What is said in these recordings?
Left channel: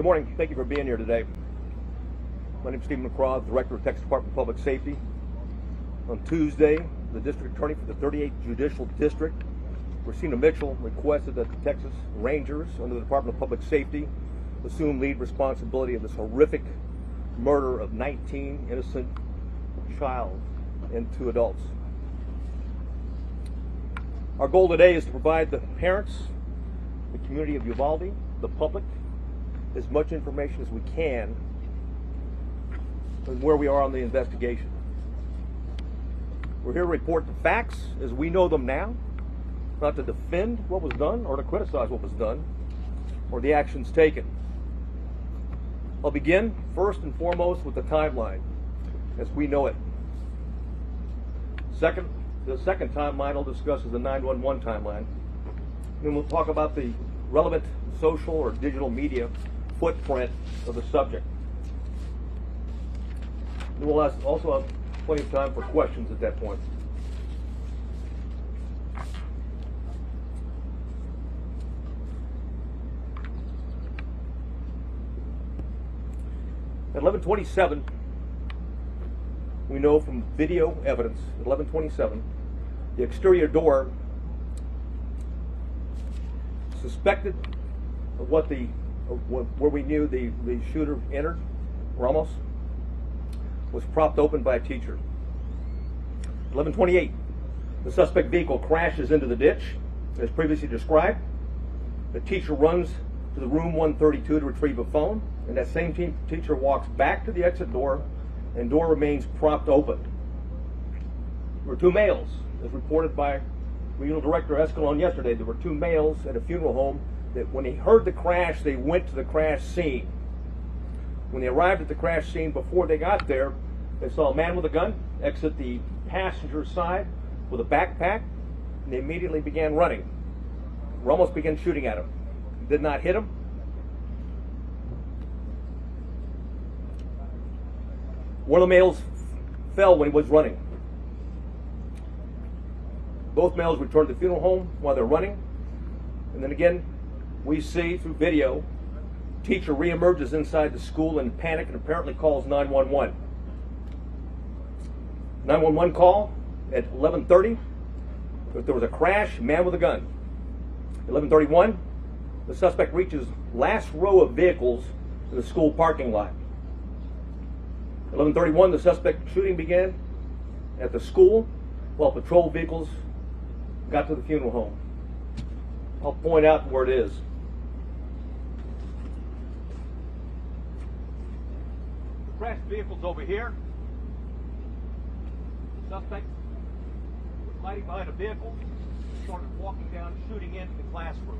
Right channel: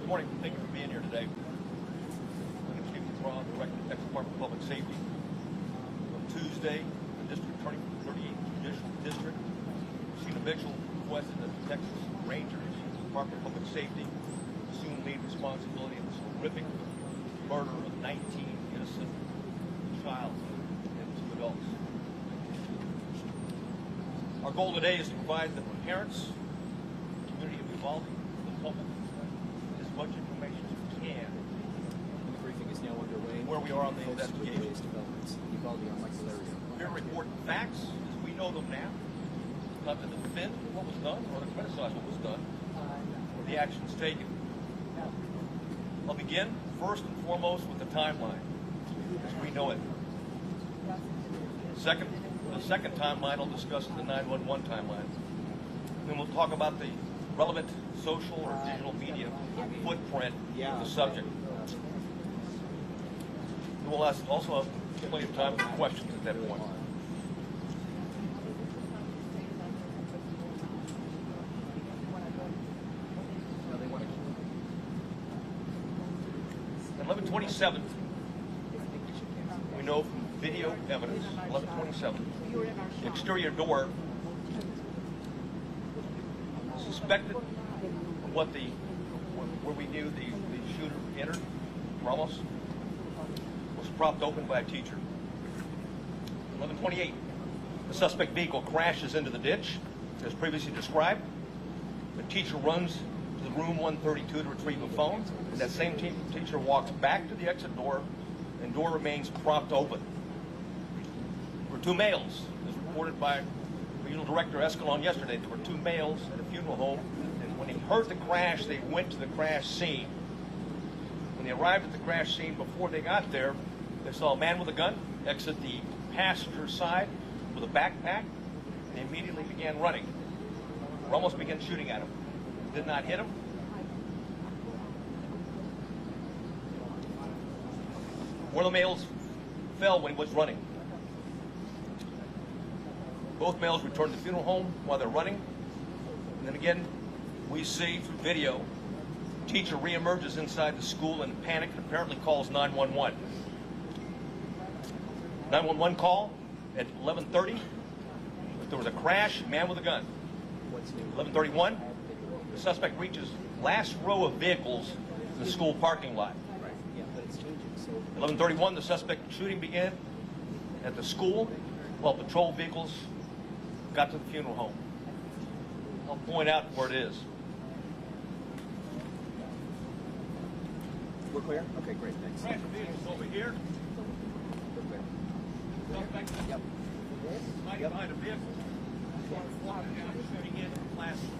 Good morning. Thank you for being here today. My name is Stephen McCraw, Director of Texas Department of Public Safety. On Tuesday, the District Attorney for the 38th Judicial District, Christina Mitchell, requested that the Texas Rangers under the Department of Public Safety assume lead responsibility of this horrific murder of 19 innocent child and 2 adults. Our goal today is to provide the parents, the community of Uvalde, the public, as much information as we can on where we are on the investigation. We're here to report facts as we know them now, not to defend what was done or to criticize what was done or the actions taken. I'll begin first and foremost with the timeline as we know it. The second timeline I'll discuss is the 911 timeline. Then we'll talk about the relevant social or digital media footprint of the subject. And we'll also have plenty of time for questions at that point. At 11:27, we know from video evidence, 11:27, the exterior door suspected of where we knew the shooter entered, Ramos, was propped open by a teacher. 11:28, the suspect vehicle crashes into the ditch, as previously described. The teacher runs to the room 132 to retrieve a phone, and that same teacher walks back to the exit door, and door remains propped open. There were 2 males, as reported by Regional Director Escalon yesterday. There were 2 males at a funeral home that when they heard the crash, they went to the crash scene. When they arrived at the crash scene, before they got there, they saw a man with a gun exit the passenger side with a backpack, and they immediately began running. Ramos began shooting at him. Did not hit him. One of the males fell when he was running. Both males returned to the funeral home while they're running. And then again, we see through video, teacher reemerges inside the school in panic and apparently calls 911. 911 call at 11:30. If there was a crash, man with a gun. 11:31, the suspect reaches last row of vehicles in the school parking lot. 11:31, the suspect shooting began at the school while patrol vehicles got to the funeral home. I'll point out where it is. We're clear? Okay, great. Thanks. Crash vehicles over here. Suspect hiding behind a vehicle, started walking down, shooting into the classroom.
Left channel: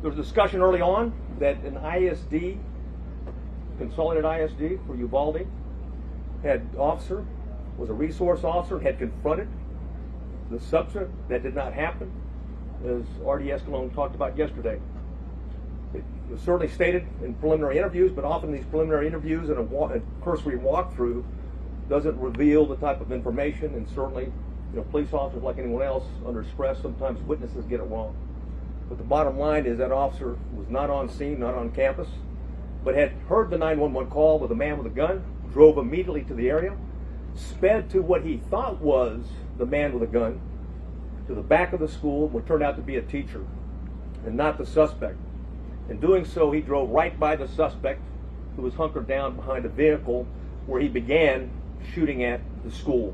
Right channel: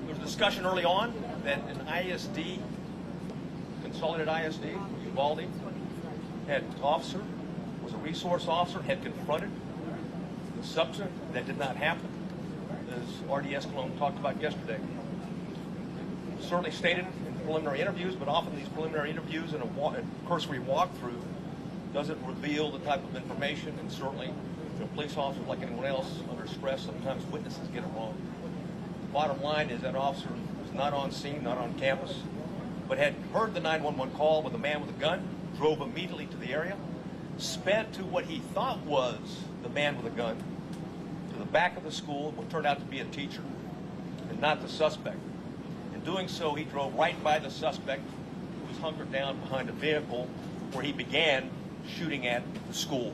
There was a discussion early on that an ISD, Consolidated ISD for Uvalde, had officer, was a resource officer, had confronted the subject. That did not happen, as R.D. Escalon talked about yesterday. It was certainly stated in preliminary interviews, but often these preliminary interviews and a cursory walkthrough doesn't reveal the type of information, and certainly, police officers, like anyone else, under stress, sometimes witnesses get it wrong. But the bottom line is that officer was not on scene, not on campus, but had heard the 911 call with a man with a gun, drove immediately to the area, sped to what he thought was the man with a gun, to the back of the school, what turned out to be a teacher, and not the suspect. In doing so, he drove right by the suspect, who was hunkered down behind a vehicle where he began shooting at the school.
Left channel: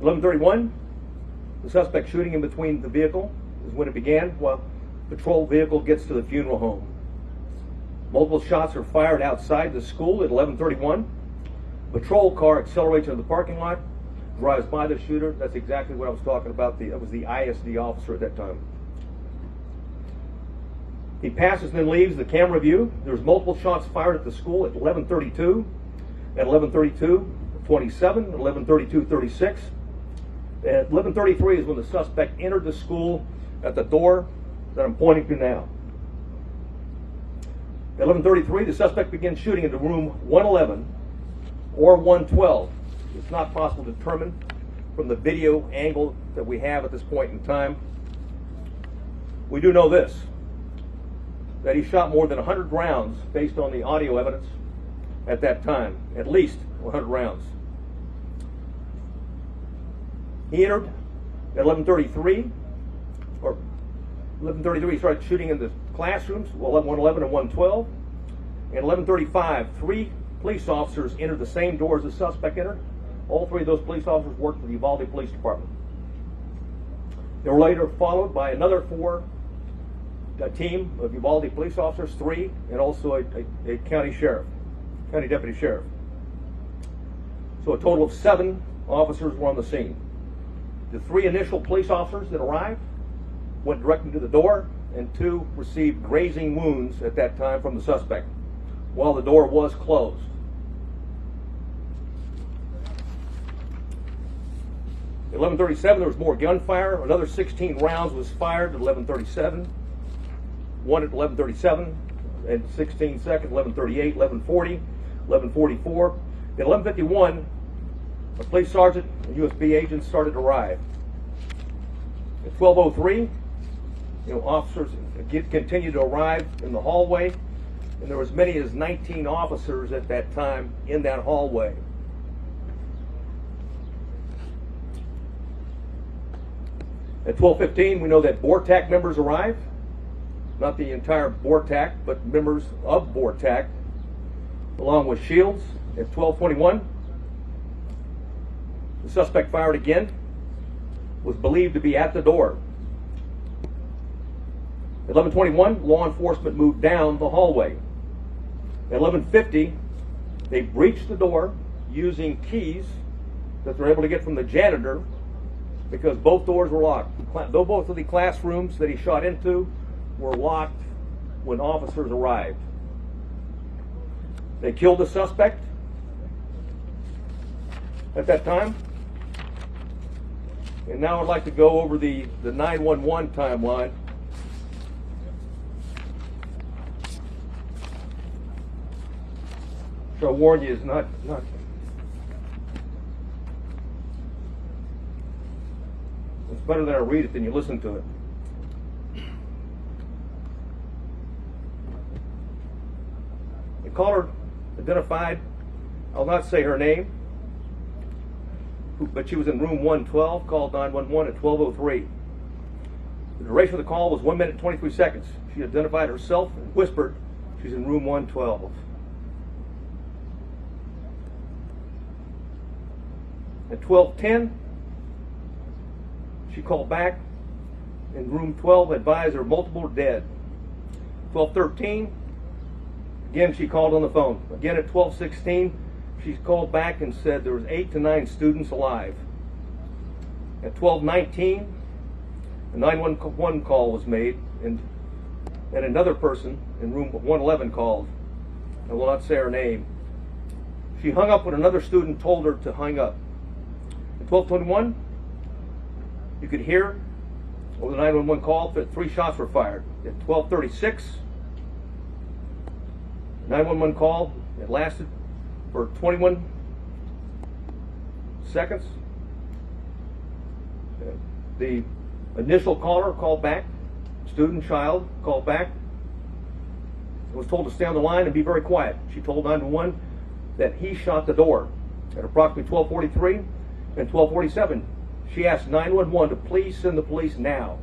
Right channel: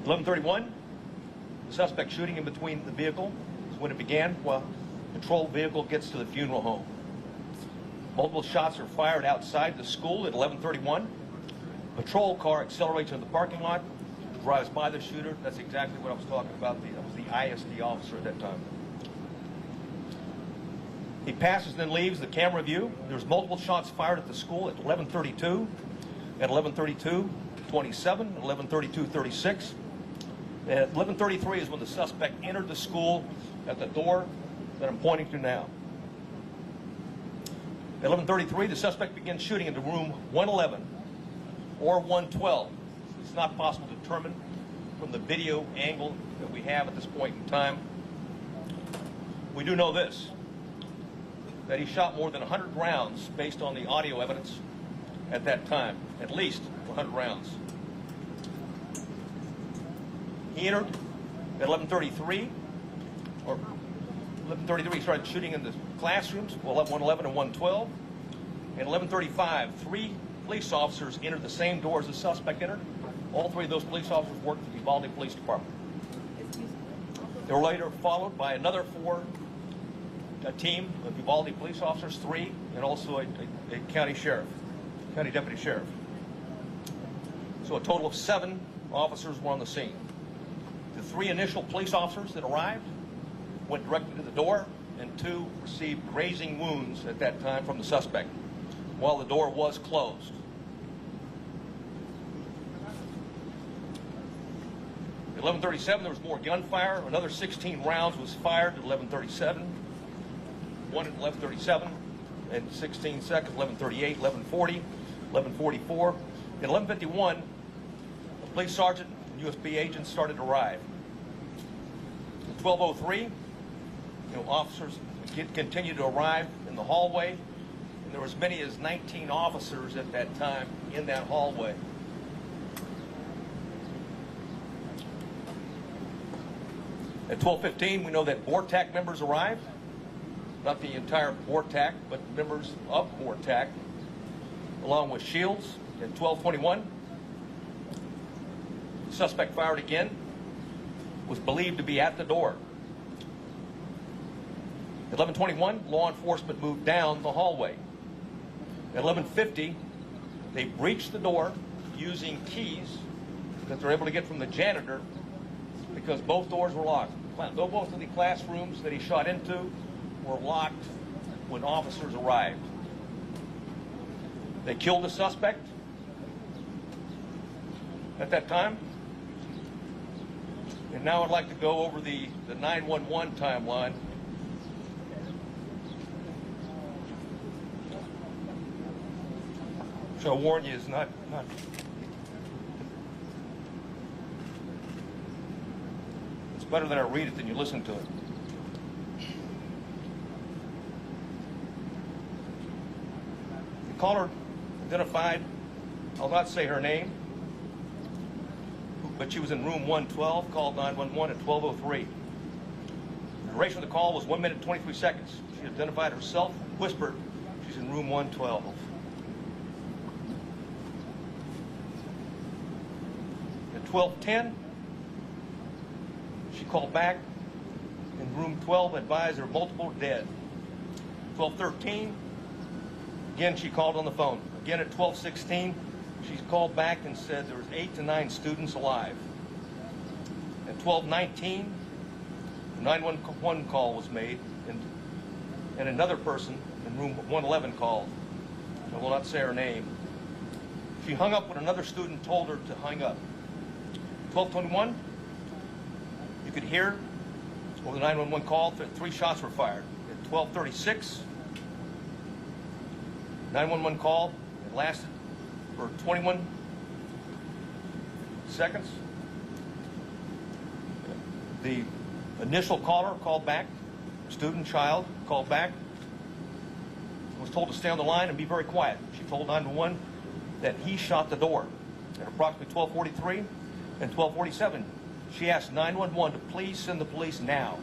At 11:31, the suspect shooting in between the vehicle is when it began, while the patrol vehicle gets to the funeral home. Multiple shots are fired outside the school at 11:31. Patrol car accelerates in the parking lot, drives by the shooter. That's exactly what I was talking about. It was the ISD officer at that time. He passes and then leaves the camera view. There's multiple shots fired at the school at 11:32, at 11:32:27, 11:32:36. At 11:33 is when the suspect entered the school at the door that I'm pointing to now. At 11:33, the suspect begins shooting into room 111 or 112. It's not possible to determine from the video angle that we have at this point in time. We do know this, that he shot more than 100 rounds based on the audio evidence at that time, at least 100 rounds. He entered at 11:33, or 11:33 he started shooting in the classrooms, 111 and 112. At 11:35, 3 police officers entered the same doors the suspect entered. All 3 of those police officers worked for the Uvalde Police Department. They were later followed by another 4, a team of Uvalde police officers, 3, and also a county deputy sheriff. So a total of 7 officers were on the scene. The 3 initial police officers that arrived went directly to the door, and 2 received grazing wounds at that time from the suspect, while the door was closed. At 11:37, there was more gunfire. Another 16 rounds was fired at 11:37. 1 at 11:37, and 16 seconds, 11:38, 11:40, 11:44. At 11:51, a police sergeant and USB agents started to arrive. At 12:03, officers continued to arrive in the hallway, and there were as many as 19 officers at that time in that hallway. At 12:15, we know that BORTAC members arrived. Not the entire BORTAC, but members of BORTAC, along with Shields. At 12:21, the suspect fired again, was believed to be at the door. At 11:21, law enforcement moved down the hallway. At 11:50, they breached the door using keys that they're able to get from the janitor, because both doors were locked. Though both of the classrooms that he shot into were locked when officers arrived. They killed the suspect at that time. And now I'd like to go over the 911 timeline. So I warn you, it's not it's better that I read it than you listen to it. The caller identified, I'll not say her name, but she was in room 112, called 911 at 12:03. The duration of the call was 1 minute and 23 seconds. She identified herself and whispered she's in room 112. At 12:10, she called back in room 12, advised there were multiple dead. 12:13, again she called on the phone. Again at 12:16, she's called back and said there was 8 to 9 students alive. At 12:19, a 911 call was made, and another person in room 111 called. I will not say her name. She hung up when another student told her to hang up. At 12:21, you could hear over the 911 call that 3 shots were fired. At 12:36, 911 called. It lasted for 21 seconds. The initial caller called back, student, child, called back, was told to stay on the line and be very quiet. She told 911 that he shot the door. At approximately 12:43 and 12:47, she asked 911 to please send the police now.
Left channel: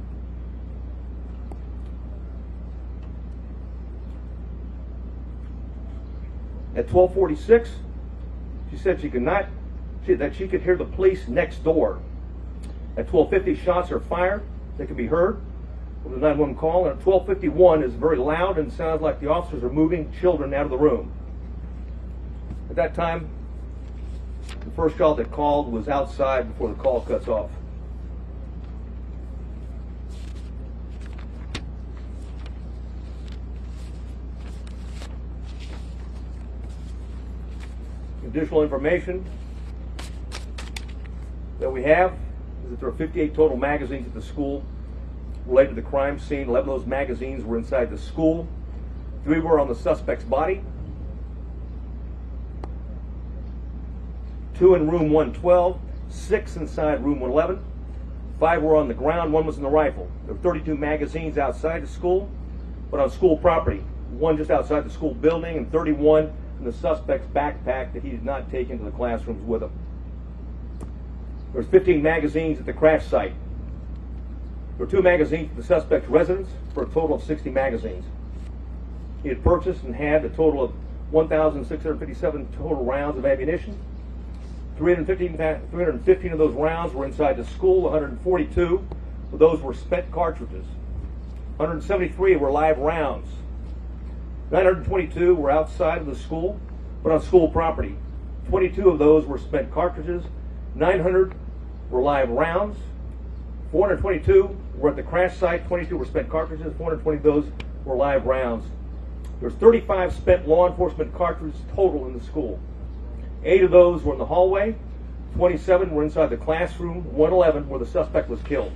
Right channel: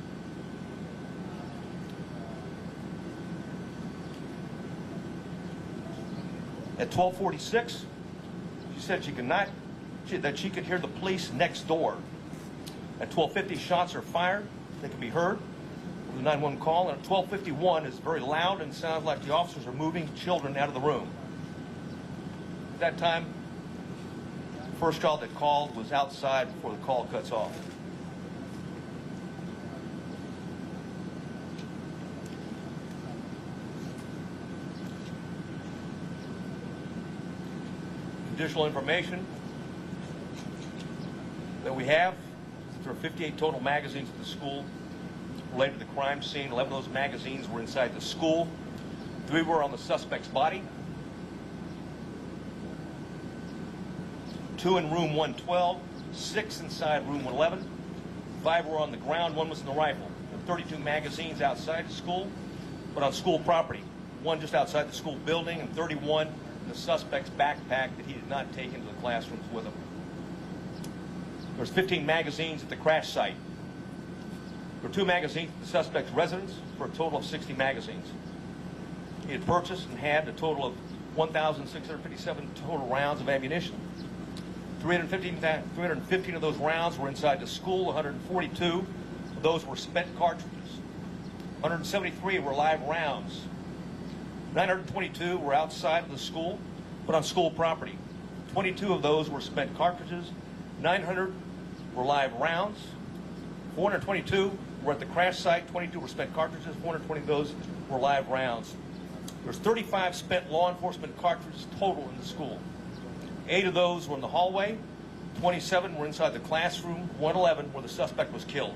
At 12:46, she said that she could hear the police next door. At 12:50, shots are fired. They could be heard. It was a 911 call. And at 12:51, it's very loud and sounds like the officers are moving children out of the room. At that time, the first call that called was outside before the call cuts off. Additional information that we have is that there are 58 total magazines at the school related to the crime scene. 11 of those magazines were inside the school. 3 were on the suspect's body. 2 in room 112, 6 inside room 111, 5 were on the ground, 1 was in the rifle. There were 32 magazines outside the school, but on school property. 1 just outside the school building, and 31 in the suspect's backpack that he did not take into the classrooms with him. There's 15 magazines at the crash site. There were 2 magazines at the suspect's residence for a total of 60 magazines. He had purchased and had a total of 1,657 total rounds of ammunition. 315 of those rounds were inside the school. 142 of those were spent cartridges. 173 were live rounds. 922 were outside of the school, but on school property. 22 of those were spent cartridges. 900 were live rounds. 422 were at the crash site. 22 were spent cartridges. 420 of those were live rounds. There's 35 spent law enforcement cartridges total in the school. 8 of those were in the hallway. 27 were inside the classroom. 111 where the suspect was killed.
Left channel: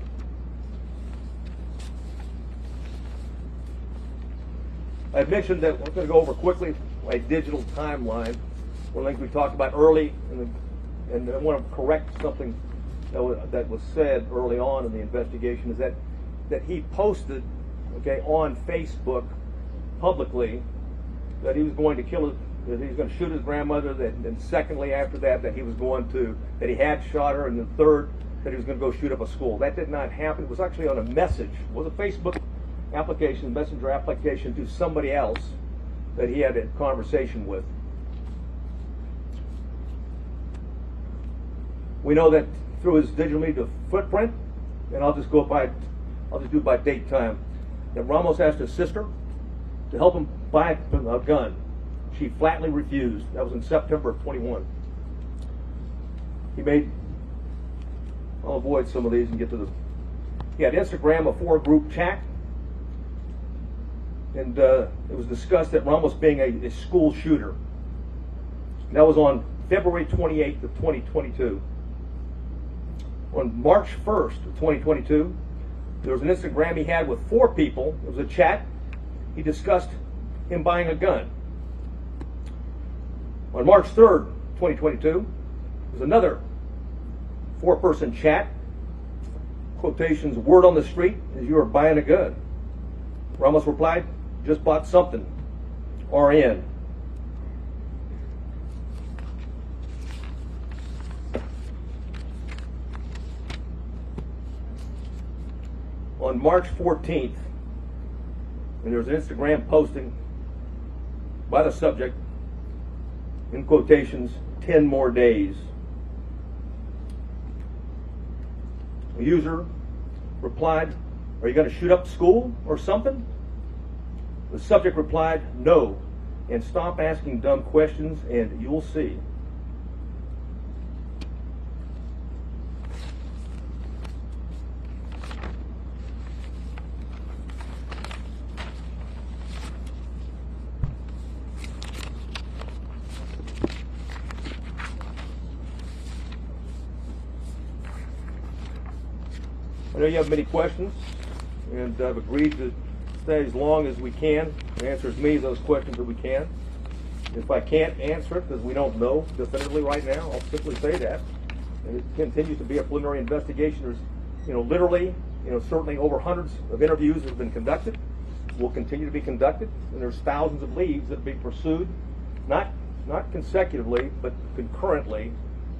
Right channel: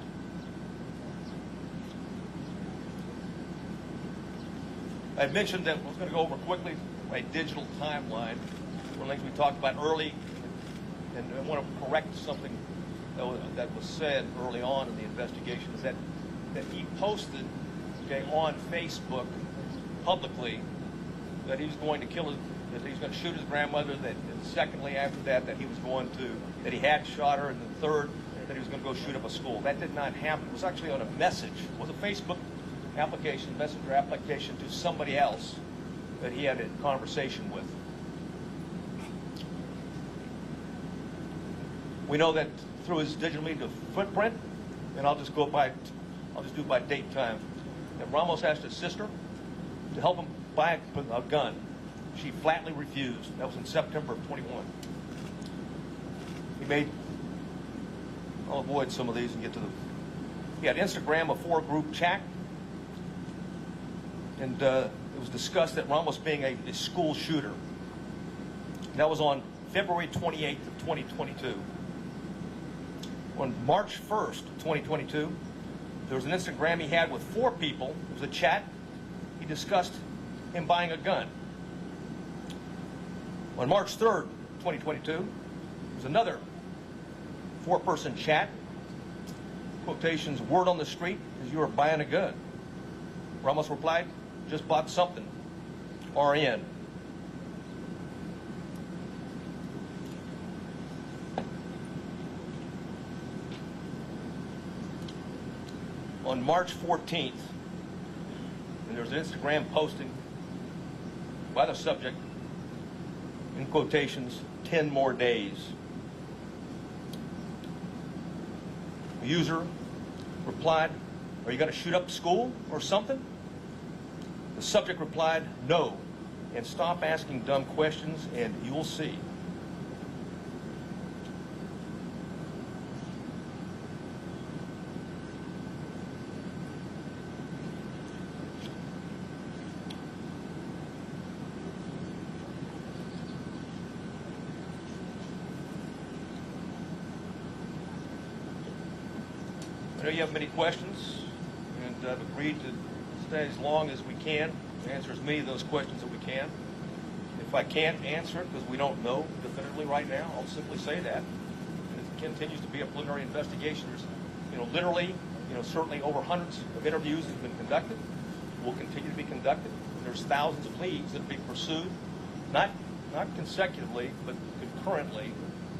I mentioned that we're going to go over quickly a digital timeline. One of the things we talked about early, and I want to correct something that was said early on in the investigation, is that he posted, okay, on Facebook publicly that he was going to kill that he was going to shoot his grandmother, and secondly after that he was going to, that he had shot her, and the third that he was going to go shoot up a school. That did not happen. It was actually on a message. It was a Facebook application, messenger application to somebody else that he had a conversation with. We know that through his digital media footprint, and I'll just do it by date time, that Ramos asked his sister to help him buy a gun. She flatly refused. That was in September of 21. I'll avoid some of these and get to he had Instagram, a 4-group chat, and it was discussed that Ramos being a school shooter. That was on February 28th of 2022. On March 1st of 2022, there was an Instagram he had with 4 people. It was a chat. He discussed him buying a gun. On March 3rd, 2022, there was another 4-person chat. Quotations, word on the street is you are buying a gun. Ramos replied, just bought something. RN. On March 14th, and there was an Instagram posting by the subject, in quotations, 10 more days. The user replied, are you going to shoot up the school or something? The subject replied, no, and stop asking dumb questions and you will see. I know you have many questions, and I've agreed to stay as long as we can and answer as many of those questions as we can. If I can't answer it, because we don't know definitively right now, I'll simply say that. And it continues to be a preliminary investigation. There's, literally, certainly over hundreds of interviews have been conducted, will continue to be conducted, and there's thousands of leads that be pursued, not consecutively, but concurrently,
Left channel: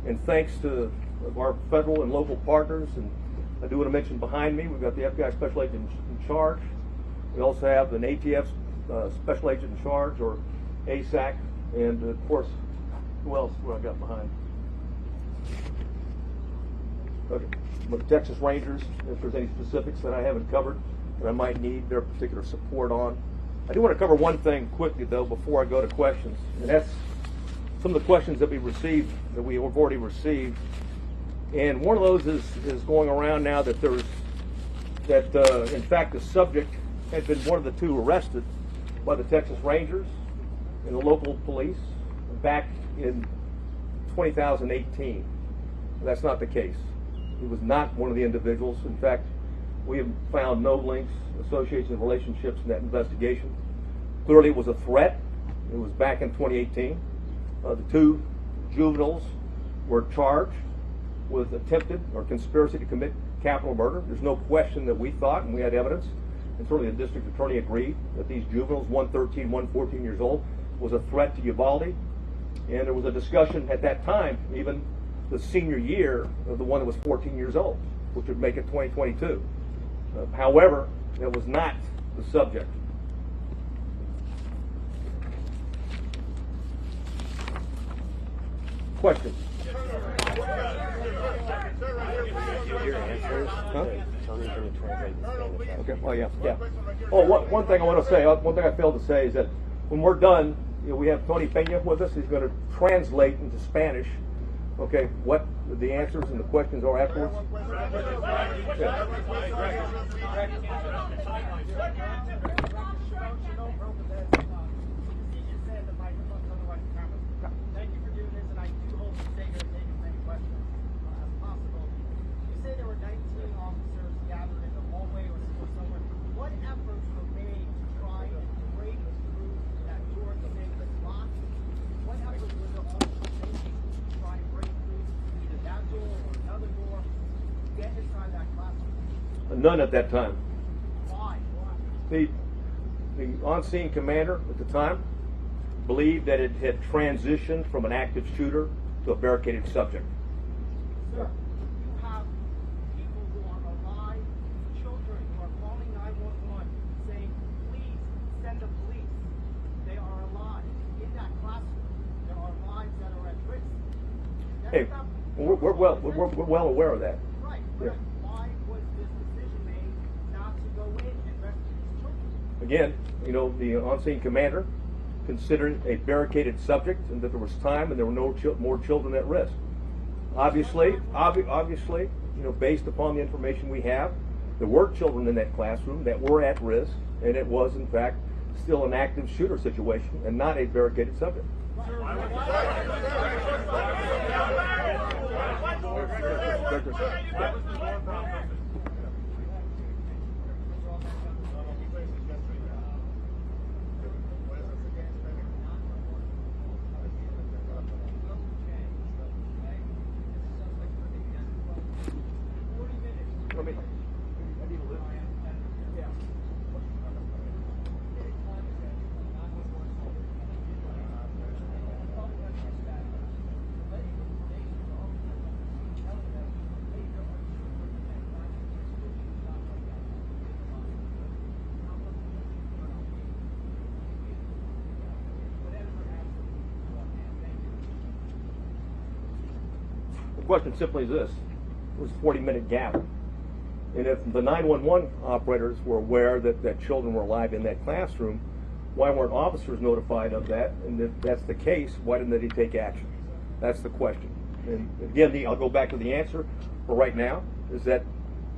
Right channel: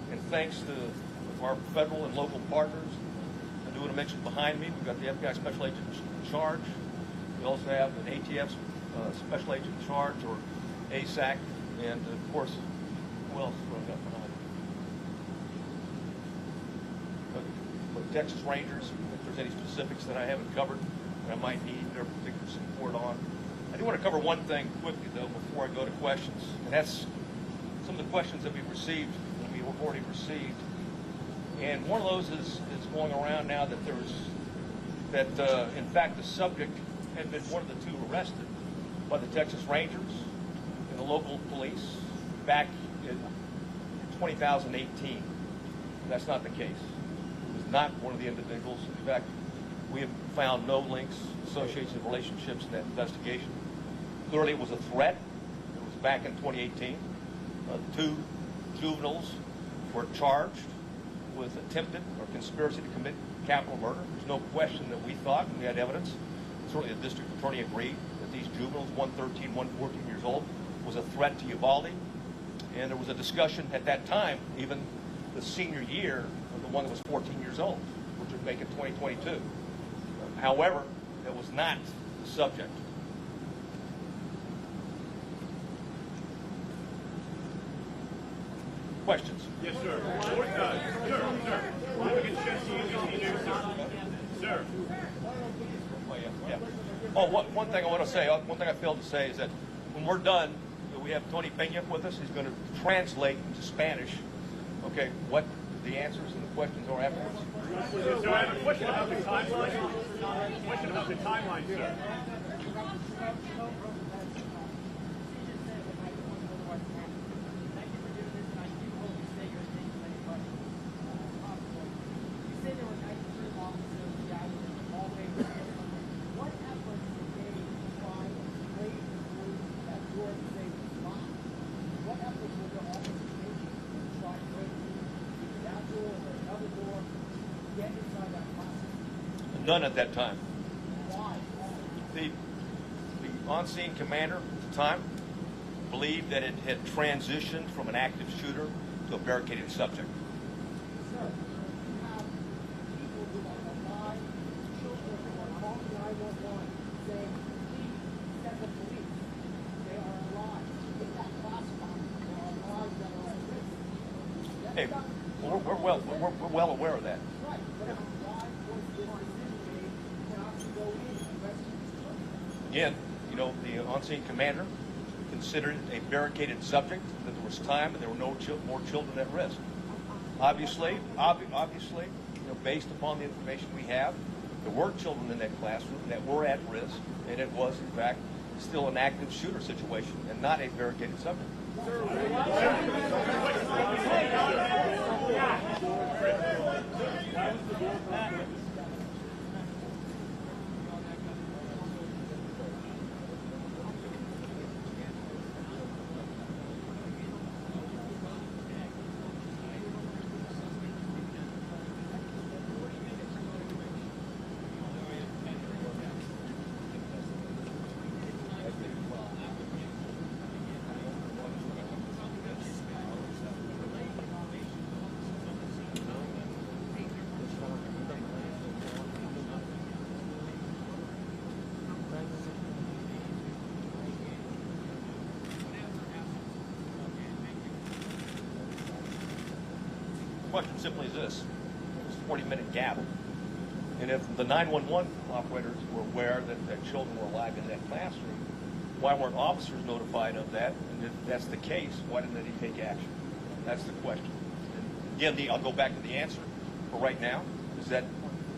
and thanks to our federal and local partners. And I do want to mention behind me, we've got the FBI Special Agent in charge. We also have an ATF Special Agent in charge, or ASAC, and of course, who else do I got behind? Okay. But the Texas Rangers, if there's any specifics that I haven't covered that I might need their particular support on. I do want to cover one thing quickly, though, before I go to questions, and that's some of the questions that we received, that we have already received. And one of those is going around now that in fact the subject had been one of the 2 arrested by the Texas Rangers and the local police back in 2018. That's not the case. It was not one of the individuals. In fact, we have found no links, associations, and relationships in that investigation. Clearly it was a threat. It was back in 2018. 2 juveniles were charged with attempted or conspiracy to commit capital murder. There's no question that we thought, and we had evidence, and certainly the district attorney agreed, that these juveniles, one 13, one 14 years old, was a threat to Uvalde. And there was a discussion at that time, even the senior year of the one that was 14 years old, which would make it 2022. However, it was not the subject. Questions? Yes, sir. Huh? Okay. Oh, yeah. Oh, one thing I want to say, one thing I failed to say is that when we're done, we have Tony Pena with us. He's going to translate into Spanish, okay, what the answers and the questions are afterwards. None at that time. The on-scene commander at the time believed that it had transitioned from an active shooter to a barricaded subject. Sir, you have people who are alive, children who are calling 911 saying, please send the police. They are alive. In that classroom, there are lives that are at risk. Hey, we're well aware of that. Right. Yeah. Why was this decision made not to go in and rescue these children? Again, the on-scene commander considered a barricaded subject and that there was time and there were no more children at risk. Obviously, based upon the information we have, there were children in that classroom that were at risk, and it was, in fact, still an active shooter situation and not a barricaded subject. The question simply is this: it was a 40-minute gap, and if the 911 operators were aware that children were alive in that classroom, why weren't officers notified of that? And if that's the case, why didn't they take action? That's the question. And again, I'll go back to the answer for right now: is that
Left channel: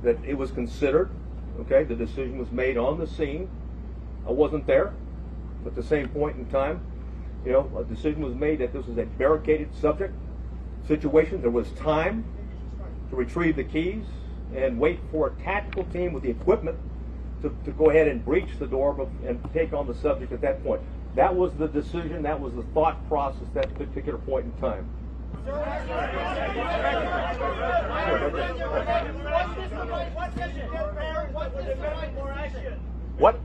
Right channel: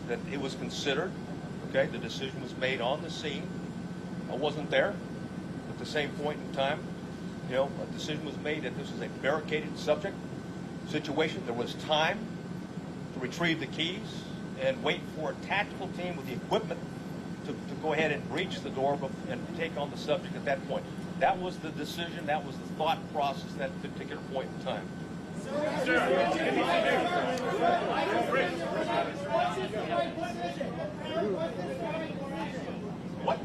it was considered. Okay, the decision was made on the scene. I wasn't there. At the same point in time, a decision was made that this was a barricaded subject situation. There was time to retrieve the keys and wait for a tactical team with the equipment to go ahead and breach the door and take on the subject at that point. That was the decision, that was the thought process at that particular point in time. What?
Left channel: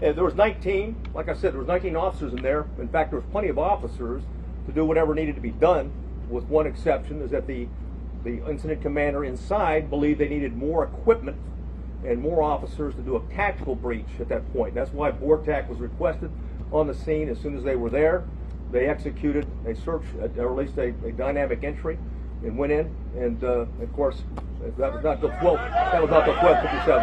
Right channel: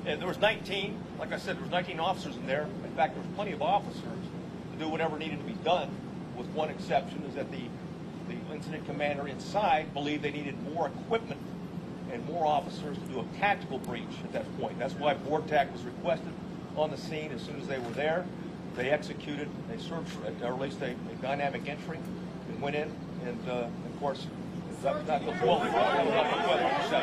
And there was 19, like I said, there was 19 officers in there. In fact, there was plenty of officers to do whatever needed to be done, with one exception, is that the incident commander inside believed they needed more equipment and more officers to do a tactical breach at that point. That's why BORTAC was requested on the scene. As soon as they were there, they executed a search, or at least a dynamic entry, and went in. And of course, that was not the quote. That was not the quote 57.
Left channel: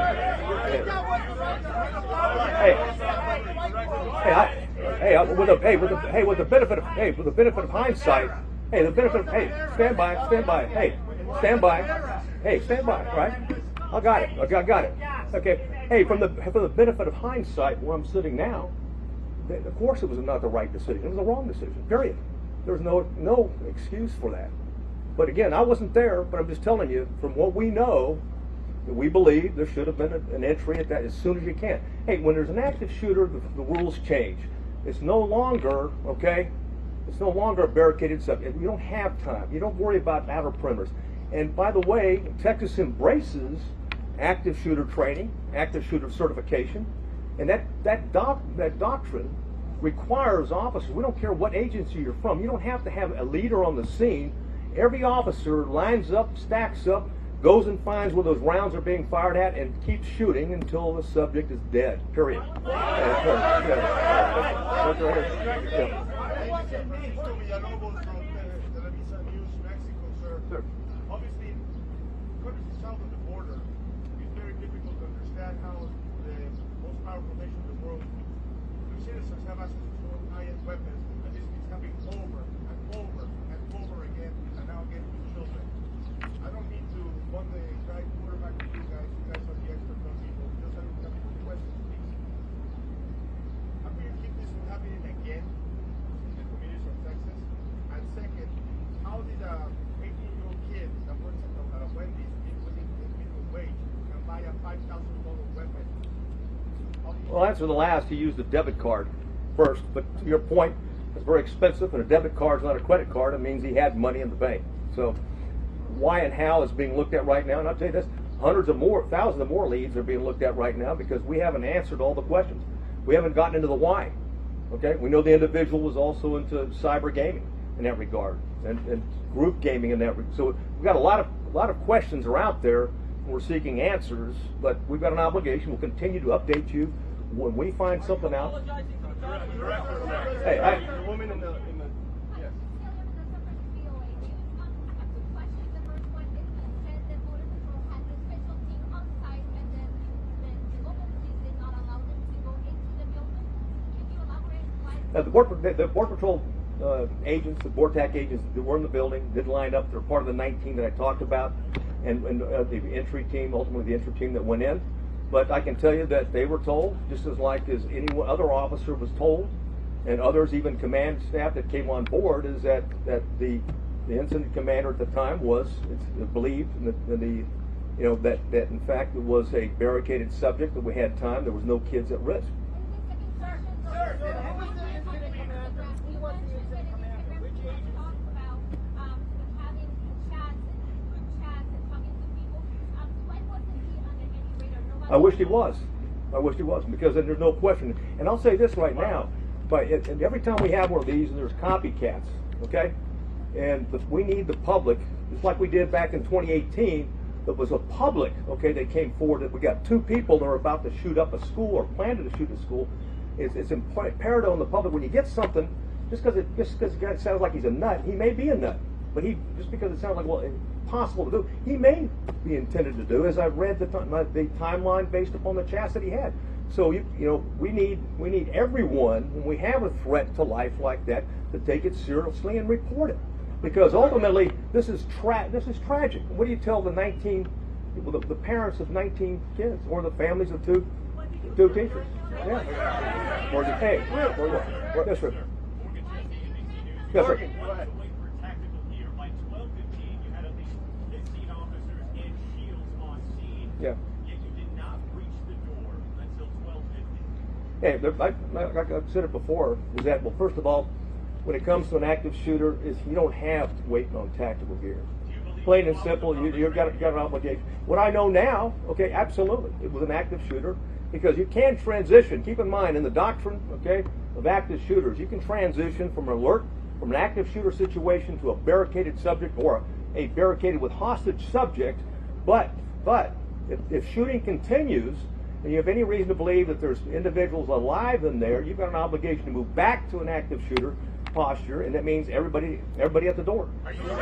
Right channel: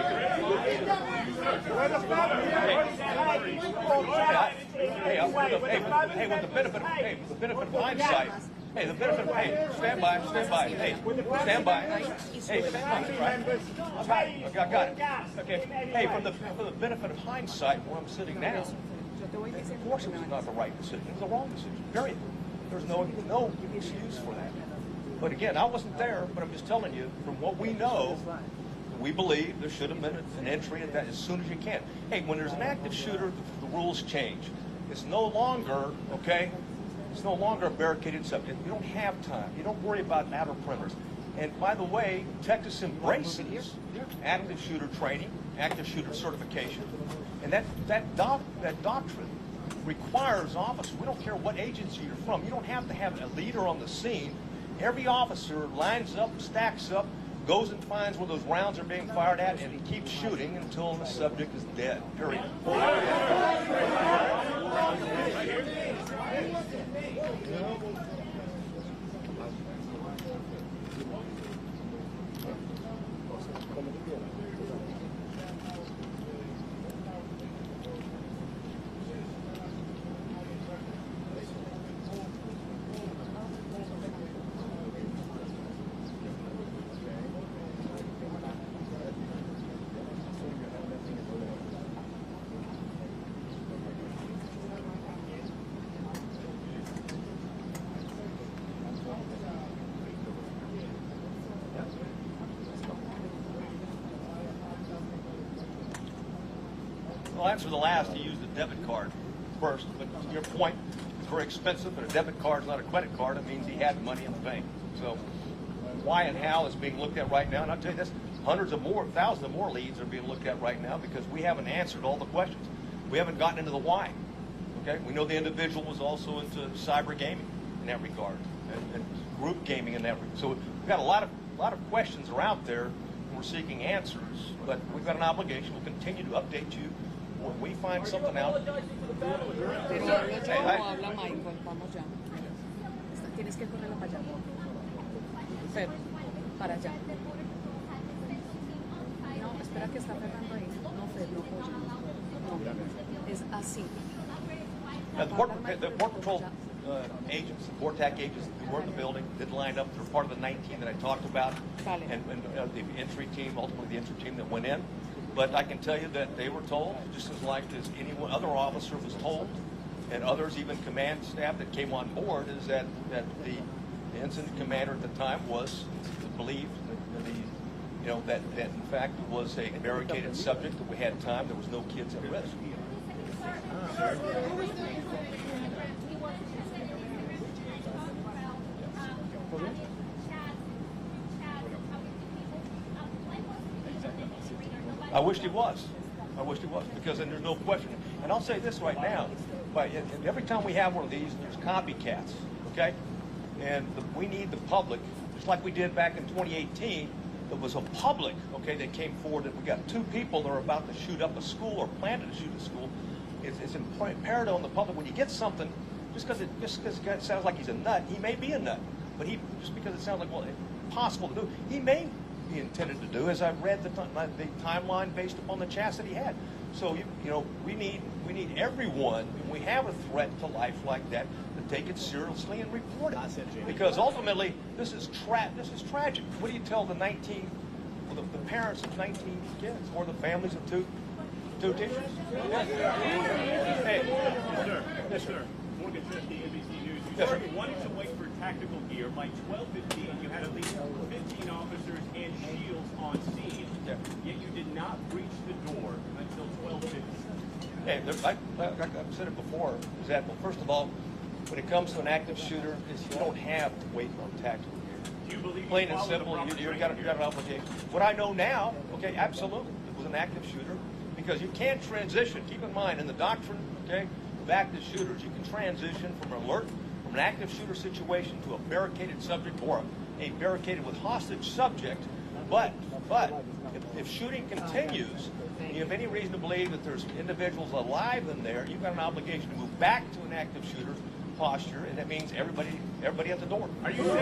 With the benefit of hindsight. Hey, stand by. Hey, stand by, right? I got it. Okay. Hey, for the benefit of hindsight, where I'm sitting now, of course it was not the right decision. It was the wrong decision. Period. There's no excuse for that. But again, I wasn't there, but I'm just telling you, from what we know, we believe there should have been an entry at that as soon as you can. Hey, when there's an active shooter, the rules change. It's no longer, okay, it's no longer a barricaded subject. You don't have time. You don't worry about outer perimeters. And by the way, Texas embraces active shooter training, active shooter certification, and that doctrine requires officers, we don't care what agency you're from, you don't have to have a leader on the scene. Every officer lines up, stacks up, goes and finds where those rounds are being fired at, and keeps shooting until the subject is dead, period. Well, answer the last, to use the debit card first, but to your point, it's very expensive, and a debit card is not a credit card. It means he had money in the bank. So why and how is being looked at right now, and I'll tell you this, hundreds of more, thousands of more leads are being looked at right now because we haven't answered all the questions. We haven't gotten into the why. Okay, we know the individual was also into cyber gaming in that regard, and group gaming in that regard. So we've got a lot of questions are out there. We're seeking answers, but we've got an obligation. We'll continue to update you when we find something out. Hey, Tienes que correr para allá. Fer, para allá. No, espera que está Fernando ahí. No, Fer, no. Es así. the Border Patrol agents, the BORTAC agents that were in the building didn't line up. They're part of the 19 that I talked about, and the entry team, ultimately the entry team that went in. But I can tell you that they were told, just as like as any other officer was told, and others, even command staff that came on board, is that the incident commander at the time was believed that in fact it was a barricaded subject, that we had time, there was no kids at risk. I wish he was. Because then there's no question. And I'll say this right now, but every time we have one of these, there's copycats, okay? And we need the public, just like we did back in 2018, it was a public, okay, that came forward that we got 2 people that were about to shoot up a school or planned to shoot a school. It's imperative on the public, when you get something, just because the guy sounds like he's a nut, he may be a nut, but just because it sounds like, well, it's possible to do, he may be intended to do, as I've read the timeline based upon the chats that he had. So we need everyone, when we have a threat to life like that, to take it seriously and report it. Because ultimately, this is tragic. What do you tell the parents of 19 kids, or the families of two teachers? Yeah. Hey, yes, sir. Yes, sir. Wanted to wait for tactical gear. By 12:15, you had at least 15 officers and shields on scene. Yeah. Yet you did not reach the door until 12:15. Hey, but like I've said it before, is that, well, first of all, when it comes to an active shooter, you don't have to wait on tactical gear. Plain and simple, you've got an obligation. What I know now, okay, absolutely, it was an active shooter, because you can transition. Keep in mind, in the doctrine, okay, of active shooters, you can transition from an active shooter situation to a barricaded subject or a barricaded with hostage subject. But if shooting continues, and you have any reason to believe that there's individuals alive in there, you've got an obligation to move back to an active shooter posture, and that means everybody at the door. Are you saying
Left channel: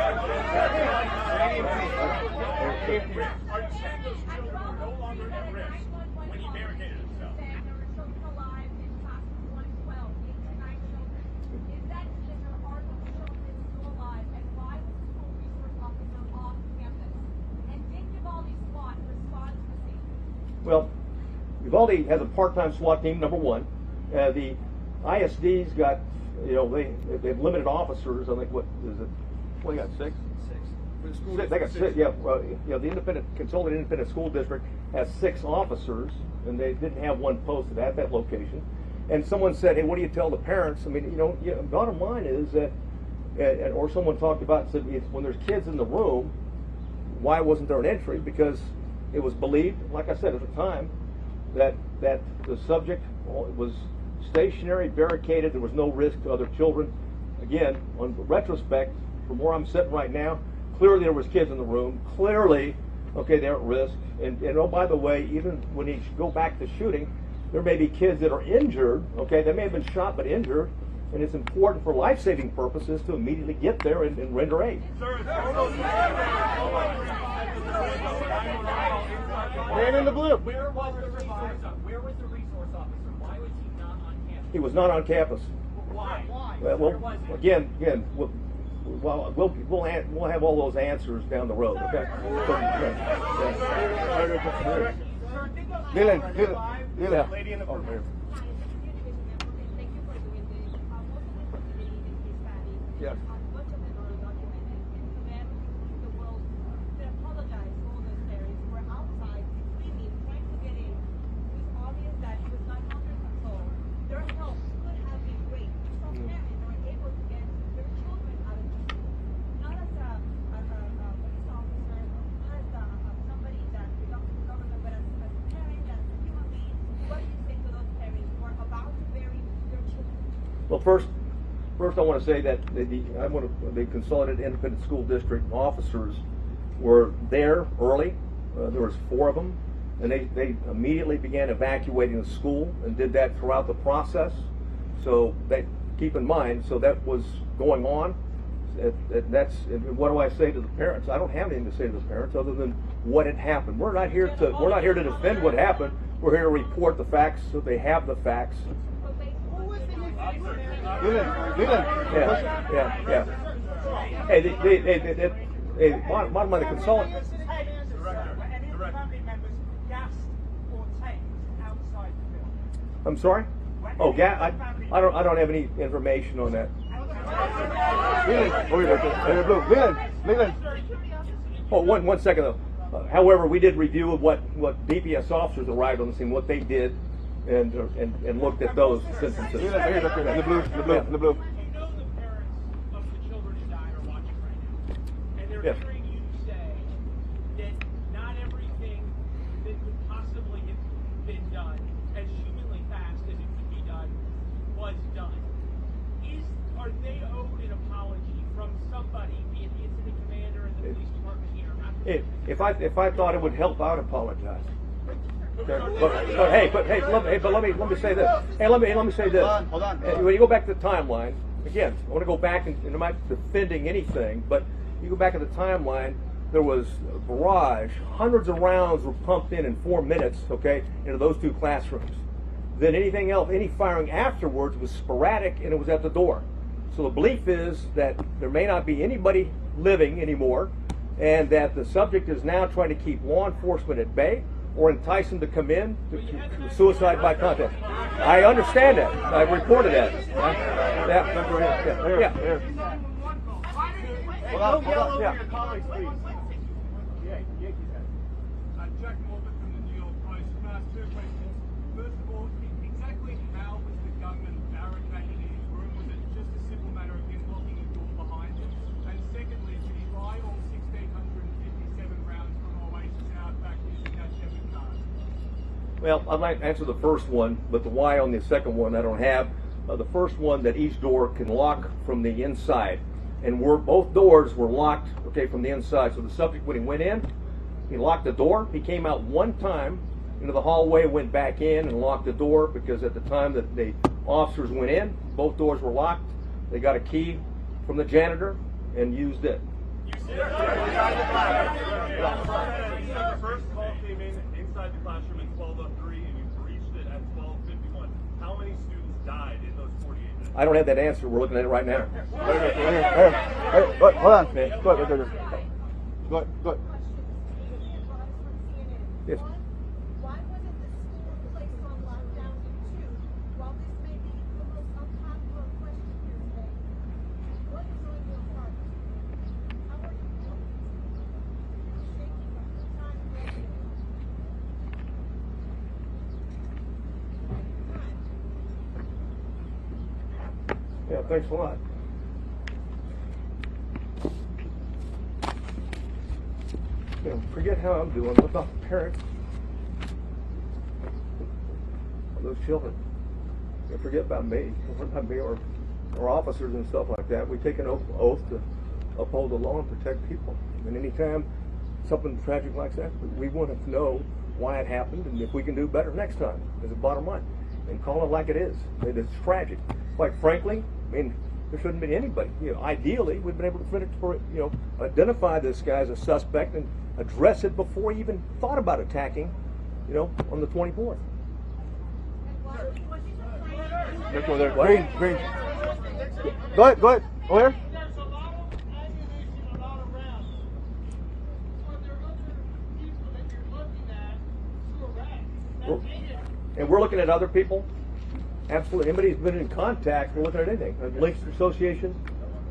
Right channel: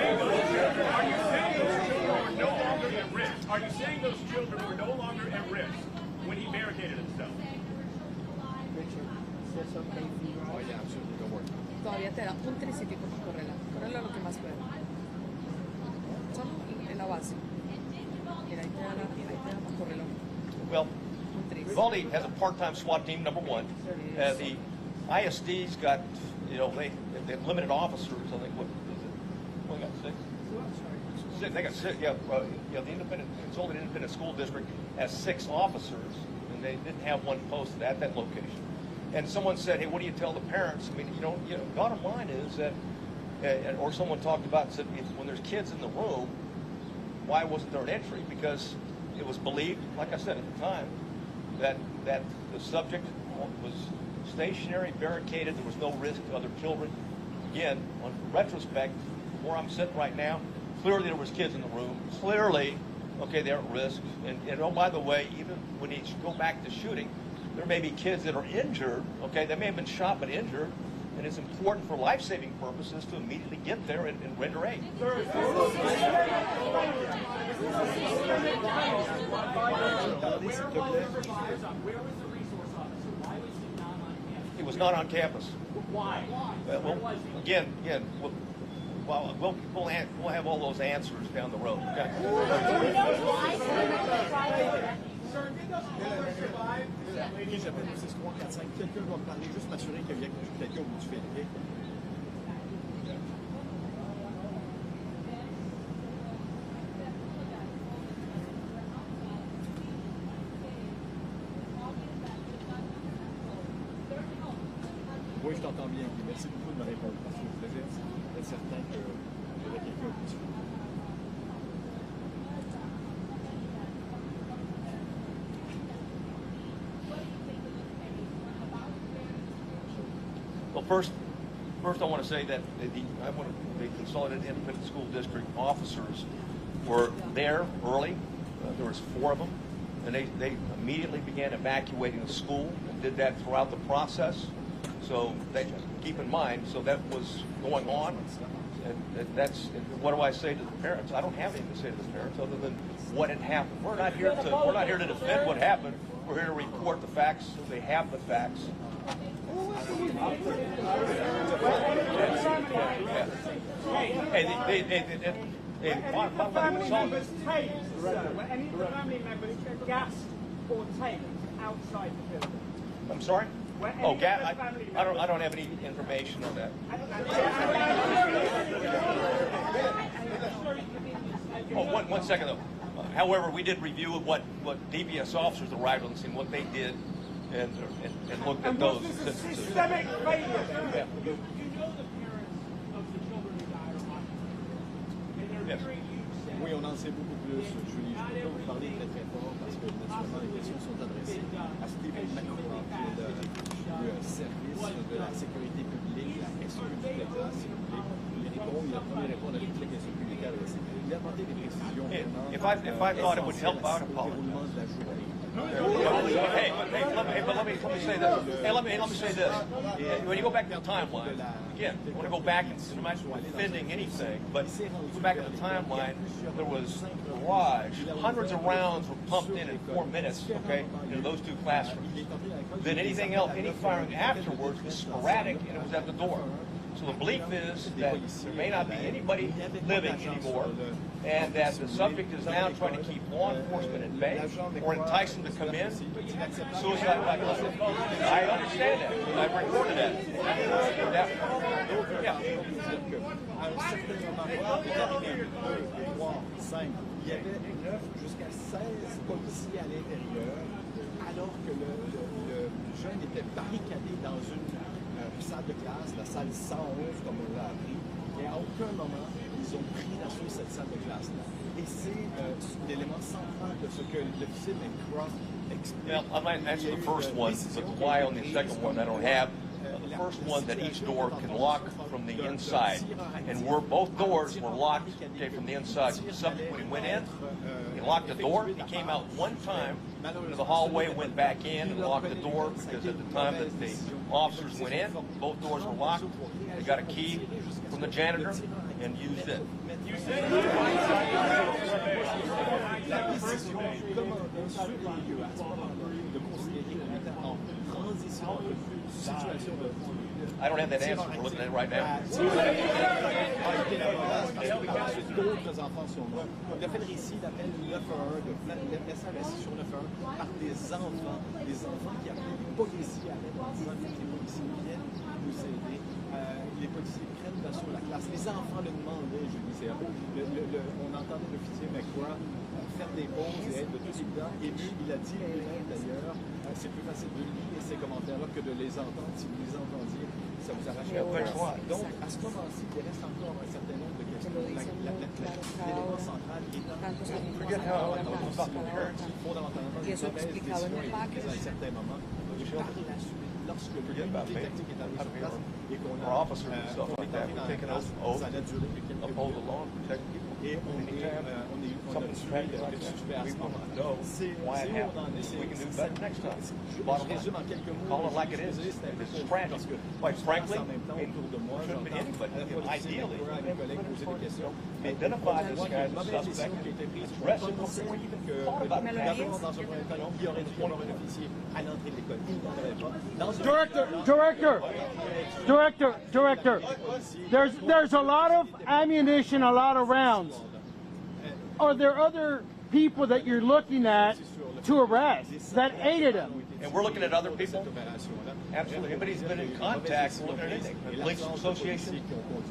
those children were no longer at risk when he barricaded himself? Todavía te da un triciclo por correrla. Correrla lo que más pueda. En la base. Mira, ahí te da correrla. Well, Uvalde has a part-time SWAT team, number one. The ISD's got, they've limited officers. I think, what is it? What do you got, 6? They got six, yeah, you know, the Consolidated Independent School District has 6 officers, and they didn't have one posted at that location. And someone said, hey, what do you tell the parents? I mean, you know, bottom line is that, or someone talked about, said, when there's kids in the room, why wasn't there an entry? Because it was believed, like I said at the time, that the subject was stationary, barricaded, there was no risk to other children. Again, on retrospect, from where I'm sitting right now, clearly there was kids in the room. Clearly, okay, they're at risk. And oh, by the way, even when you go back to shooting, there may be kids that are injured. Okay, they may have been shot but injured, and it's important for life-saving purposes to immediately get there and render aid. Where was the resource officer? Why was he not on campus? He was not on campus. Why? Well, again, we'll have all those answers down the road. Okay. Dylan. Yeah. Oui, je t'entends bien. Merci beaucoup de me répondre. Je suis certain que j'aurais bien fait. Well, first I want to say that the Consolidated Independent School District officers were there early. There was 4 of them, and they immediately began evacuating the school and did that throughout the process. So keep in mind, so that was going on. What do I say to the parents? I don't have anything to say to the parents other than what had happened. We're not here to defend what happened. We're here to report the facts so they have the facts. Yeah. Hey, bottom line of consultant. Any of the family members gassed or taped outside the building? I'm sorry? Oh, yeah, I don't have any information on that. Oh, one second though. However, we did review what DPS officers arrived on the scene, what they did, and looked at those instances. You know the parents of the children who died are watching right now. And they're Yes. hearing you say Oui, on en sait beaucoup plus. that not everything that could possibly have been done as humanly fast as it could be done was done. Are they owed an apology from somebody in the commander and the If I thought it would help, I'd apologize. But let me say this. Hey, let me say this. When you go back to the timeline, again, I want to go back and I'm not defending anything, but you go back to the timeline. There was a barrage. Hundreds of rounds were pumped in 4 minutes. Okay, into those 2 classrooms. Then anything else, any firing afterwards was sporadic, and it was at the door. So the belief is that there may not be anybody living anymore, and that the subject is now trying to keep law enforcement at bay or entice them to come in, suicide by contact. I understand that. I've reported that. Yeah. Il y avait jusqu'à 16 policiers à l'intérieur, alors que le jeune était barricadé dans une salle de classe, la salle 111 comme on l'a appelé. Et à aucun moment, ils ont pris d'assaut cette salle de classe-là. Et c'est l'élément central de ce que l'officier de KRIV explique. Well, I might answer the first one, but the why on the second one I don't have. The first one, that each door can lock from the inside, and both doors were locked, okay, from the inside. So the subject, when he went in, he locked the door. He came out one time into the hallway, went back in and locked the door, because at the time that the officers went in, both doors were locked. They got a key from the janitor and used it. I don't have that answer. We're looking at it right now. Hold on. Il a fait le récit d'appel 911, de SMS sur 911 par des enfants qui appellent les policiers à l'aide. Les policiers viennent nous aider. Les policiers prennent d'assaut la classe. Les enfants le demandaient, je disais, On entendait l'officier McGraw faire des pauses et être de tout temps ému. Il a dit lui-même d'ailleurs, c'est plus facile de lire ces commentaires-là que de les entendre. Si vous les entendiez, ça vous arrache Yeah, thanks a lot. Donc, à ce moment-ci, il reste encore un certain nombre de l'élément central qui est dans Forget how I'm doing. What's up, parents? fondamentalement Y une eso mauvaise explicado en décision el est prise à un certain moment. Those children. Lorsque Forget about me. Sometimes we are, we're officers and stuff like that. We take an oath to uphold the law and protect people. And anytime something's tragic like that, we want to know why it happened and if we can do better next time. It's the bottom line. We call it like it is. It is tragic. Quite frankly, I mean, there shouldn't have been anybody. You know, ideally, we've been able to identify this guy as a suspect and address it before he even thought about attacking, you know, on the 24th. Director. Go ahead. There's a lot of ammunition, a lot of rounds. Are there other people that you're looking at to arrest that aided him? And we're looking at other people. Absolutely. Anybody who's been in contact, we're looking at anything. The Police Association,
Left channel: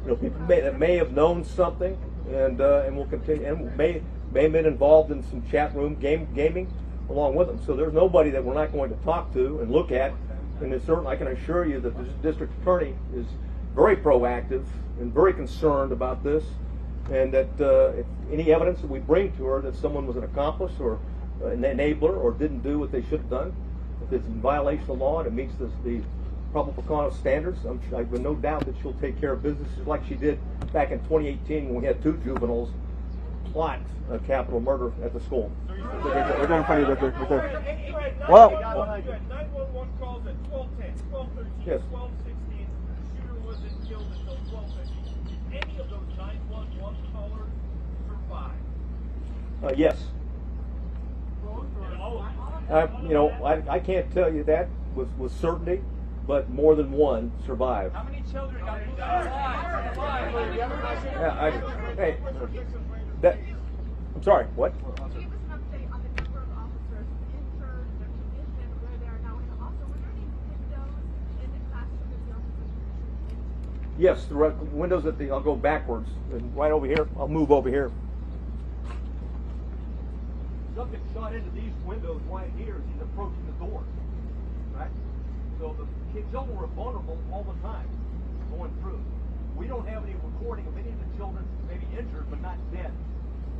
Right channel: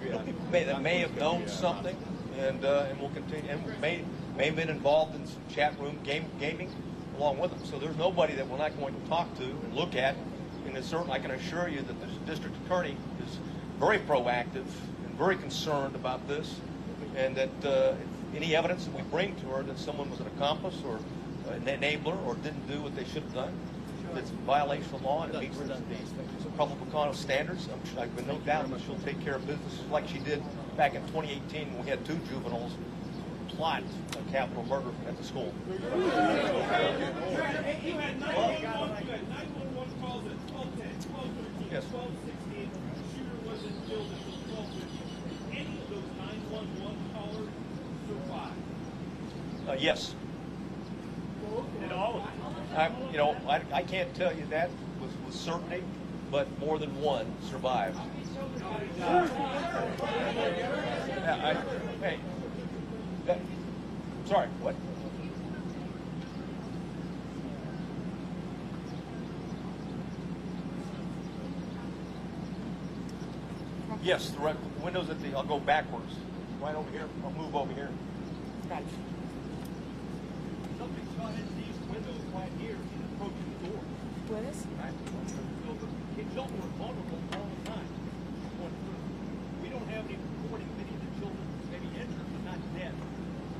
you know, people that may have known something, and will continue, and may have been involved in some chat room gaming along with them. So there's nobody that we're not going to talk to and look at. And it's certainly, I can assure you that this district attorney is very proactive and very concerned about this, and that if any evidence that we bring to her that someone was an accomplice or an enabler or didn't do what they should have done, if it's in violation of law and it meets the probable cause standards, I have no doubt that she'll take care of business just like she did back in 2018 when we had 2 juveniles plot a capital murder at the school. We're going to find it Well, you had 911 calls at 12:10, 12:13, Yes. 12:16. Shooter wasn't killed until 12:50. Any of those 911 callers survived? yes. I can't tell you that with certainty, but more than one survived. How many children got Hey, I'm sorry, what? Yes, the windows at I'll go backwards, right over here, I'll move over here. Something shot into these windows right here, he's approaching the door. Right? So the children were vulnerable all the time going through. We don't have any recording of any of the children maybe injured but not dead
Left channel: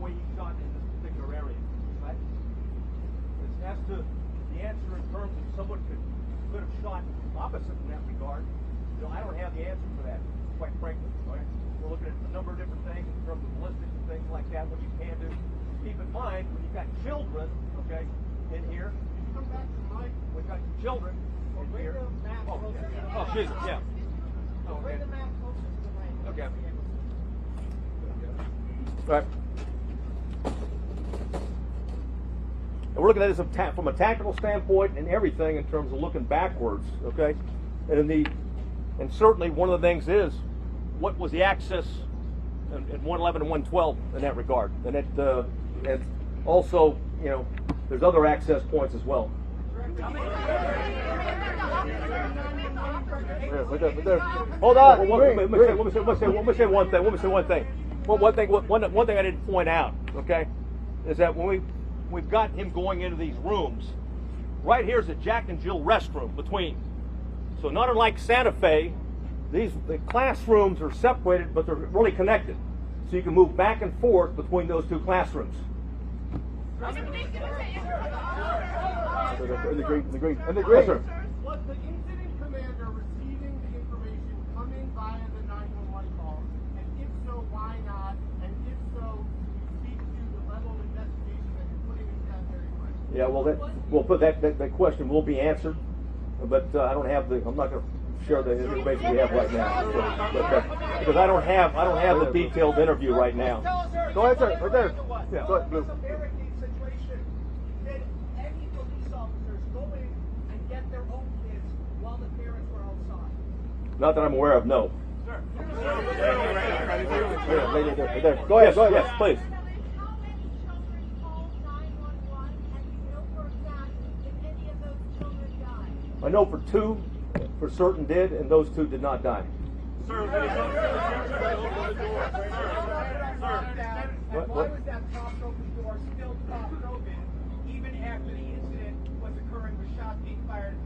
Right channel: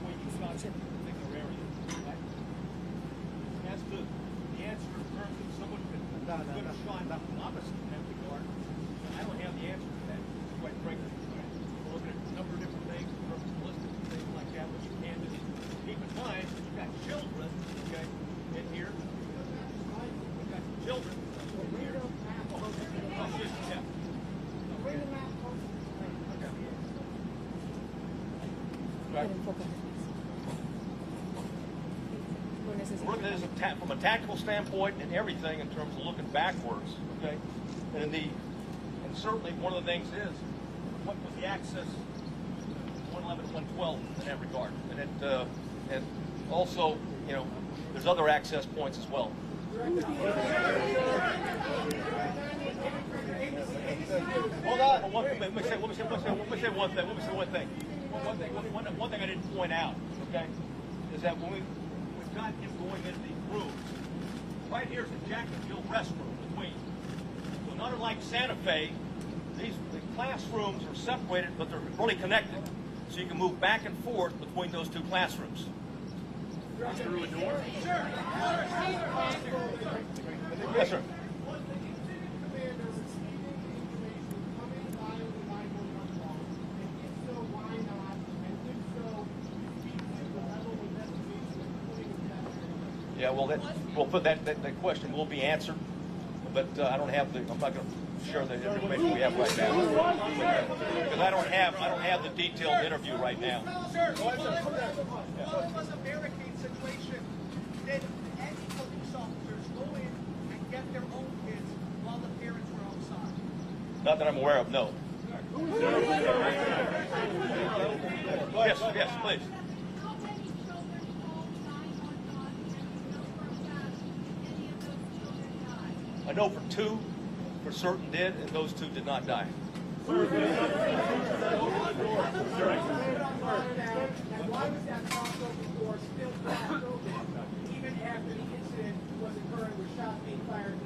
when he shot in a particular area. Right? As to the answer in terms of someone could have shot opposite in that regard, so I don't have the answer to that, quite frankly. Right? We're looking at a number of different things in terms of ballistics and things like that, which you can do. Keep in mind, you've got children, okay, in here. We've got children in here. Oh, Jesus, yeah. Bring the map closer to the ring. Okay. Right. We're looking at this from a tactical standpoint and everything in terms of looking backwards, okay? And certainly one of the things is, what was the access in 111 and 112 in that regard? And also, you know, there's other access points as well. Hold on. Let me say one thing. Well, one thing I didn't point out, okay, is that when we've got him going into these rooms, right here's the Jack and Jill restroom between. So not unlike Santa Fe, the classrooms are separated, but they're really connected. So you can move back and forth between those 2 classrooms. Yes, sir. Was the incident commander receiving the information coming via the 911 calls? And if so, why not? And if so, speak to the level of investigation putting in that area. Yeah, well, that question will be answered, but I don't have I'm not going to share the information we have right now, because I don't have the detailed interview right now. Go ahead, sir. Right there. Yeah. What was a barricade situation? Did any police officers go in and get their own kids while the parents were outside? Not that I'm aware of, no. Go ahead, yes, please. How many children called 911 and those were attacked and any of those children died? I know for 2 for certain did, and those 2 did not die. Sir, when it comes to the teachers that open the door, Why was that propped open door still propped open even after the incident was occurring with shots being fired in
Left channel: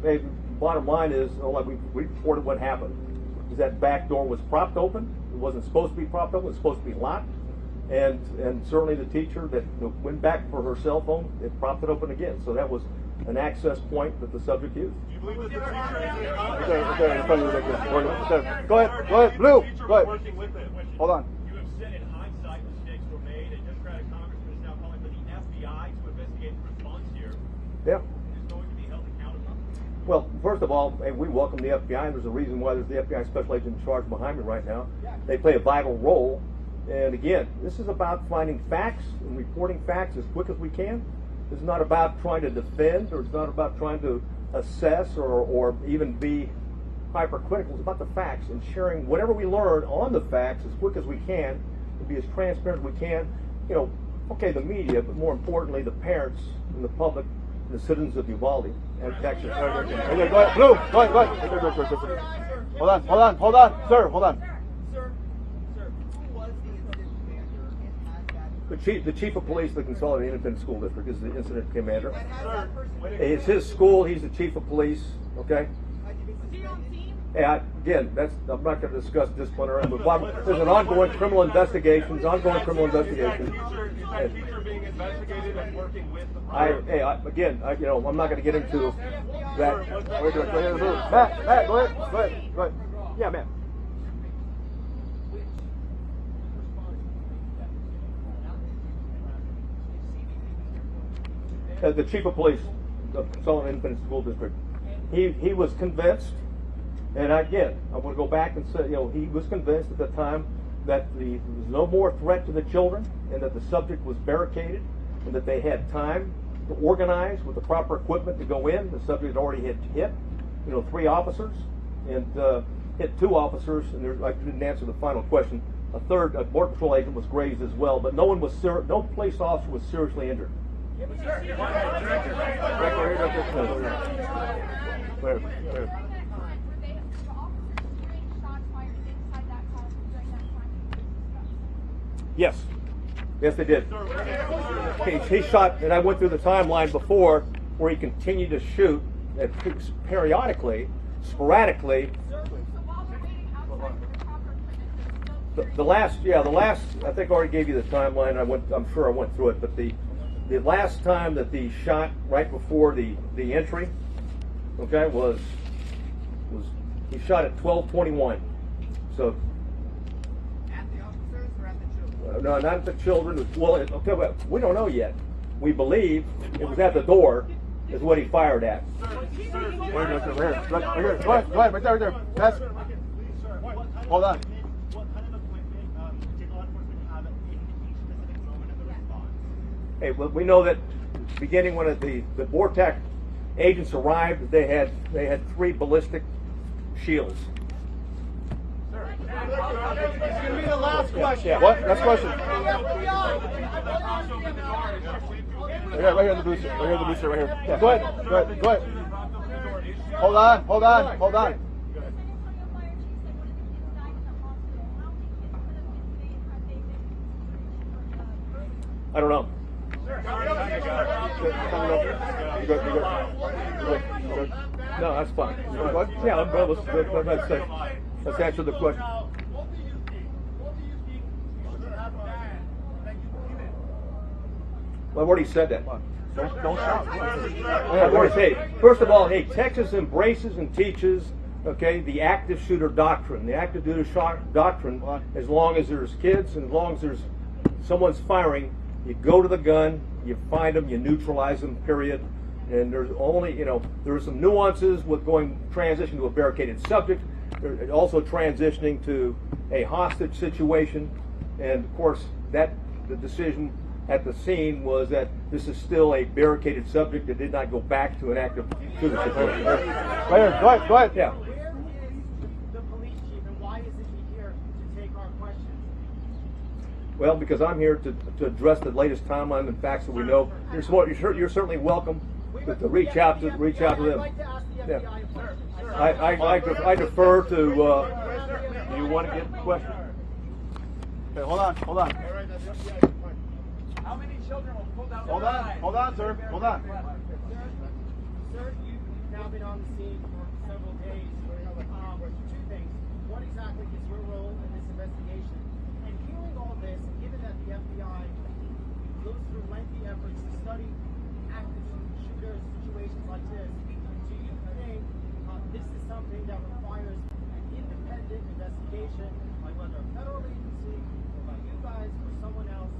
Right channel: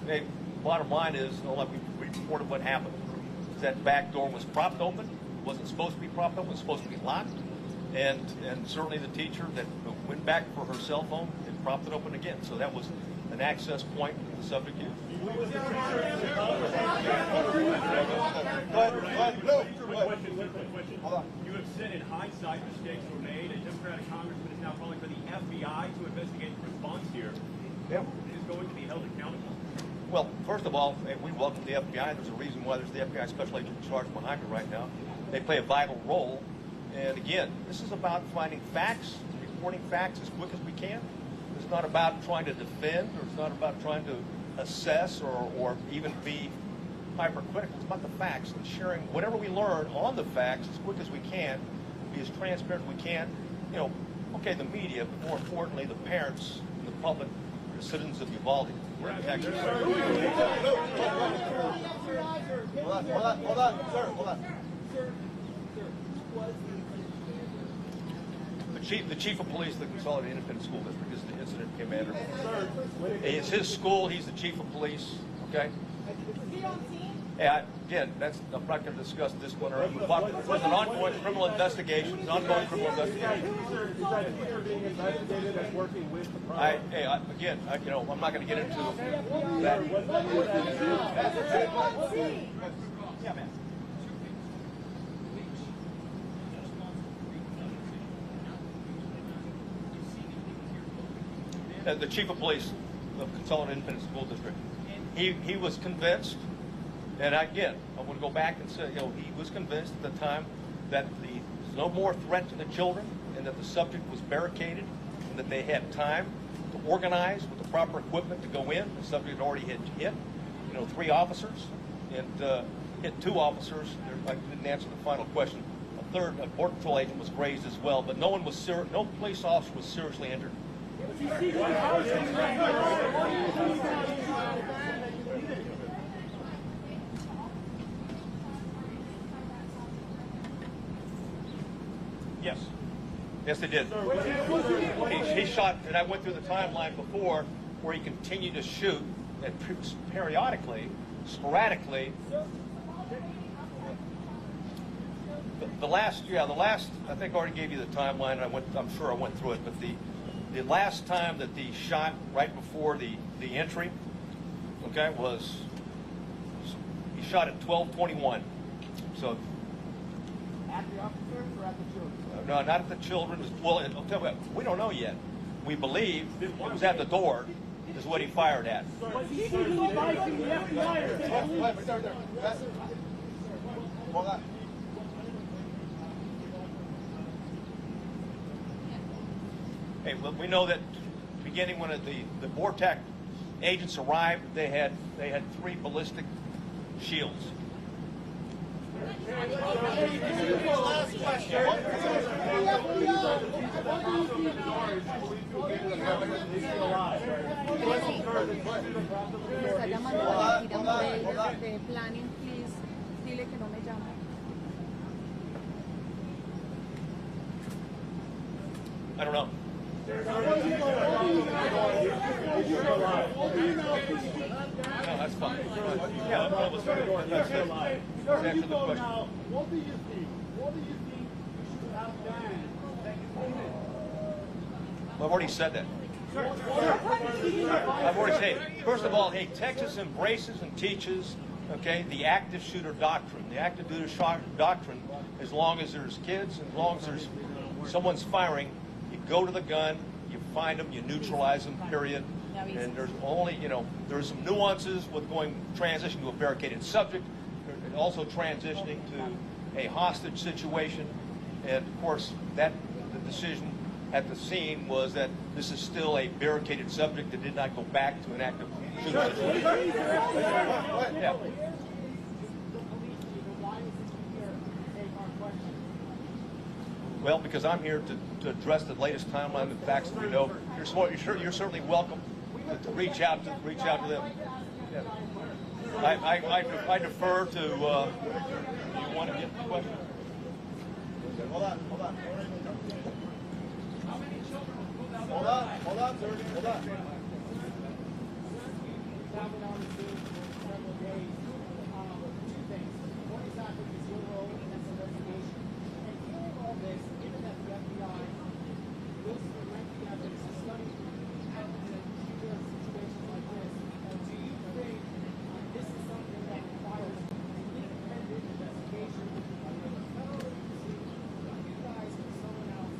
the air? Bottom line is, we reported what happened. That back door was propped open. It wasn't supposed to be propped open. It was supposed to be locked. And certainly the teacher that went back for her cell phone, it propped it open again. So that was an access point that the subject used. was the teacher in the office? Go ahead, Blue, go ahead. Working with them. Hold on. You have said in hindsight mistakes were made, and Democratic Congressman is now calling for the FBI to investigate the response here. Yeah. It is going to be held accountable. Well, first of all, we welcome the FBI. There's a reason why there's the FBI special agent in charge behind me right now. They play a vital role. And again, this is about finding facts and reporting facts as quick as we can. It's not about trying to defend, or it's not about trying to assess or even be hypercritical. It's about the facts and sharing whatever we learn on the facts as quick as we can, and be as transparent as we can. You know, okay, the media, but more importantly, the parents, and the public, the citizens of Uvalde. Okay, go ahead, Blue, go ahead. Hold on, sir, hold on. Sir, who was the incident commander? The chief of police, the Consolidated Independent School District, is the incident commander. Sir, It's his school. He's the chief of police. Okay. Is he on scene? Yeah, again, I'm not going to discuss disciplinary, but there's an ongoing criminal investigation. It's ongoing criminal investigation. Is that teacher being investigated and working with the I'm not going to get into that. Matt, go ahead. Yeah, Matt. The chief of police, the Consolidated Independent School District, he was convinced, and again, I'm going to go back and say, he was convinced at the time that there was no more threat to the children, and that the subject was barricaded, and that they had time to organize with the proper equipment to go in. The subject already had hit, 3 officers, and hit 2 officers, and I didn't answer the final question. A third, a border patrol agent, was grazed as well, but no police officer was seriously injured. Yes, they did. He shot, and I went through the timeline before where he continued to shoot periodically, sporadically. The last, I think I already gave you the timeline. I'm sure I went through it, but the last time that the shot right before the entry, okay, was he shot at 12:21. So At the officers or at the children? no, not the children. Okay, we don't know yet. We believe it was at the door, is what he fired at. Go ahead, right there. Matt. Hold on. Hey, we know that beginning when the VORTAC agents arrived, they had 3 ballistic shields. Last question. Yeah, what? Last question. Yeah, right here in the booth. Right here. Yeah, go ahead. Hold on. Planning, please, dile que no me llame. I don't know. No, that's fine. Yeah, let's answer the question. What do you think? You should have banned that unit? Well, I've already said that. I've already said, first of all, hey, Texas embraces and teaches, the active shooter doctrine. The active shooter doctrine, as long as there's kids, and as long as there's someone's firing, you go to the gun, you find them, you neutralize them, period. And there's only, there's some nuances with transition to a barricaded subject, also transitioning to a hostage situation. And of course, the decision at the scene was that this is still a barricaded subject that did not go back to an active shooter situation. Go ahead. Yeah. Where is the police chief and why isn't he here to take our questions? Well, because I'm here to address the latest timeline and facts that we know. You're certainly welcome to reach out to them. I'd like to ask the Yeah. FBI a question. I defer to, you want to get the question? Okay, hold on. How many children were pulled out? Hold on, sir. Hold on. Sir, you have been on the scene for several days with two things. One, exactly is your role in this investigation. And given all this, given that the FBI goes through lengthy efforts to study how to trigger situations like this, do you think this is something that requires an independent investigation by whether a federal agency, by you guys, or someone else?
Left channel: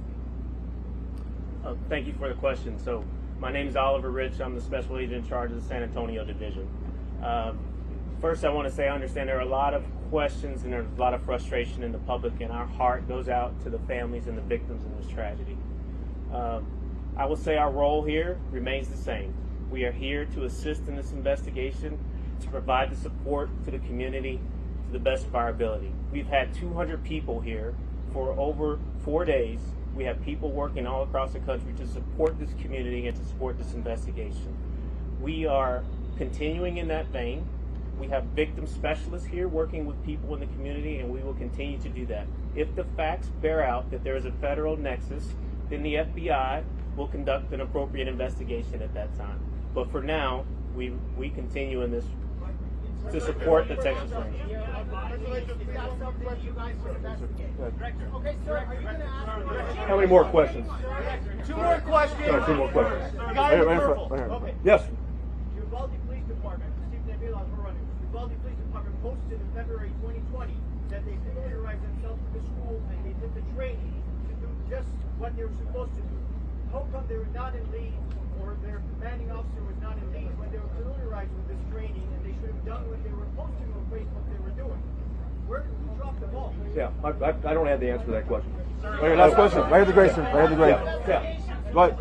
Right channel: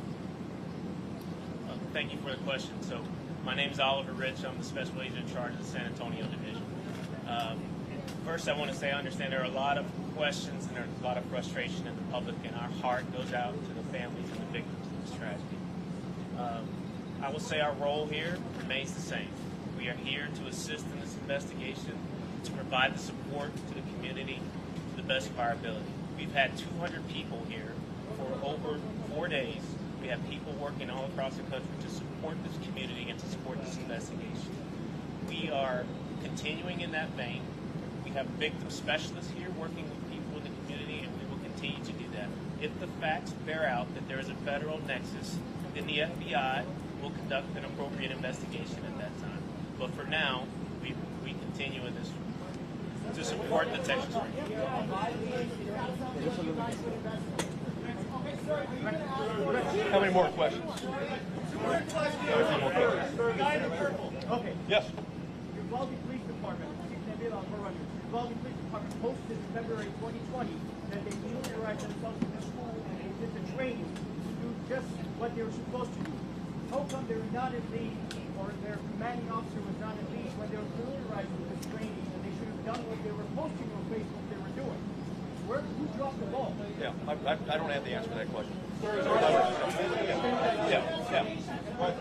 Thank you for the question. So, my name's Oliver Rich. I'm the Special Agent in charge of the San Antonio Division. First, I want to say I understand there are a lot of questions and there's a lot of frustration in the public, and our heart goes out to the families and the victims of this tragedy. I will say our role here remains the same. We are here to assist in this investigation, to provide the support to the community to the best of our ability. We've had 200 people here for over 4 days. We have people working all across the country to support this community and to support this investigation. We are continuing in that vein. We have victim specialists here working with people in the community, and we will continue to do that. If the facts bear out that there is a federal nexus, then the FBI will conduct an appropriate investigation at that time. But for now, we continue in this to support the Texas Rangers. How many more questions? Two more questions. Two more questions. Guy in Right here. purple. Okay. Yes. Uvalde Police Department, Chief Neville Alvarado. Uvalde Police Department posted in February 2020 that they familiarized themselves with the school and did the training to do just what they were supposed to do. How come they were not in lead, or their commanding officer was not in lead when they were familiarized with this training, and they should have done what they were posting on Facebook they were doing? Who dropped the ball? Yeah, I don't have the answer to that question. Okay, last question. Right here, Grayson. Right here, Grayson. Yeah. Go ahead.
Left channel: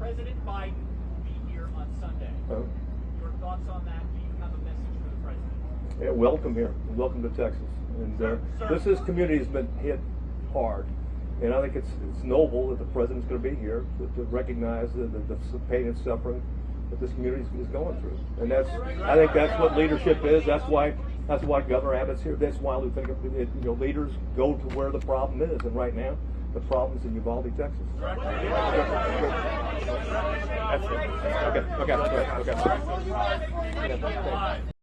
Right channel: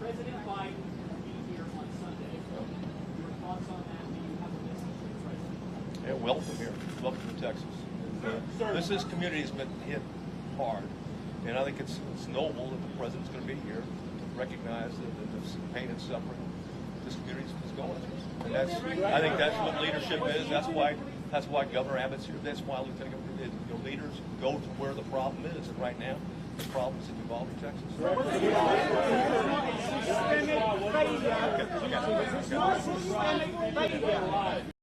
President Biden will be here on Sunday. Your thoughts on that? Do you have a message for the president? Yeah, welcome here. Welcome to Texas. And this community has been hit hard. And I think it's noble that the president's going to be here to recognize the pain and suffering that this community is going through. And I think that's what leadership is. That's why Governor Abbott's here. That's why we think leaders go to where the problem is. And right now, the problem's in Uvalde, Texas. Okay.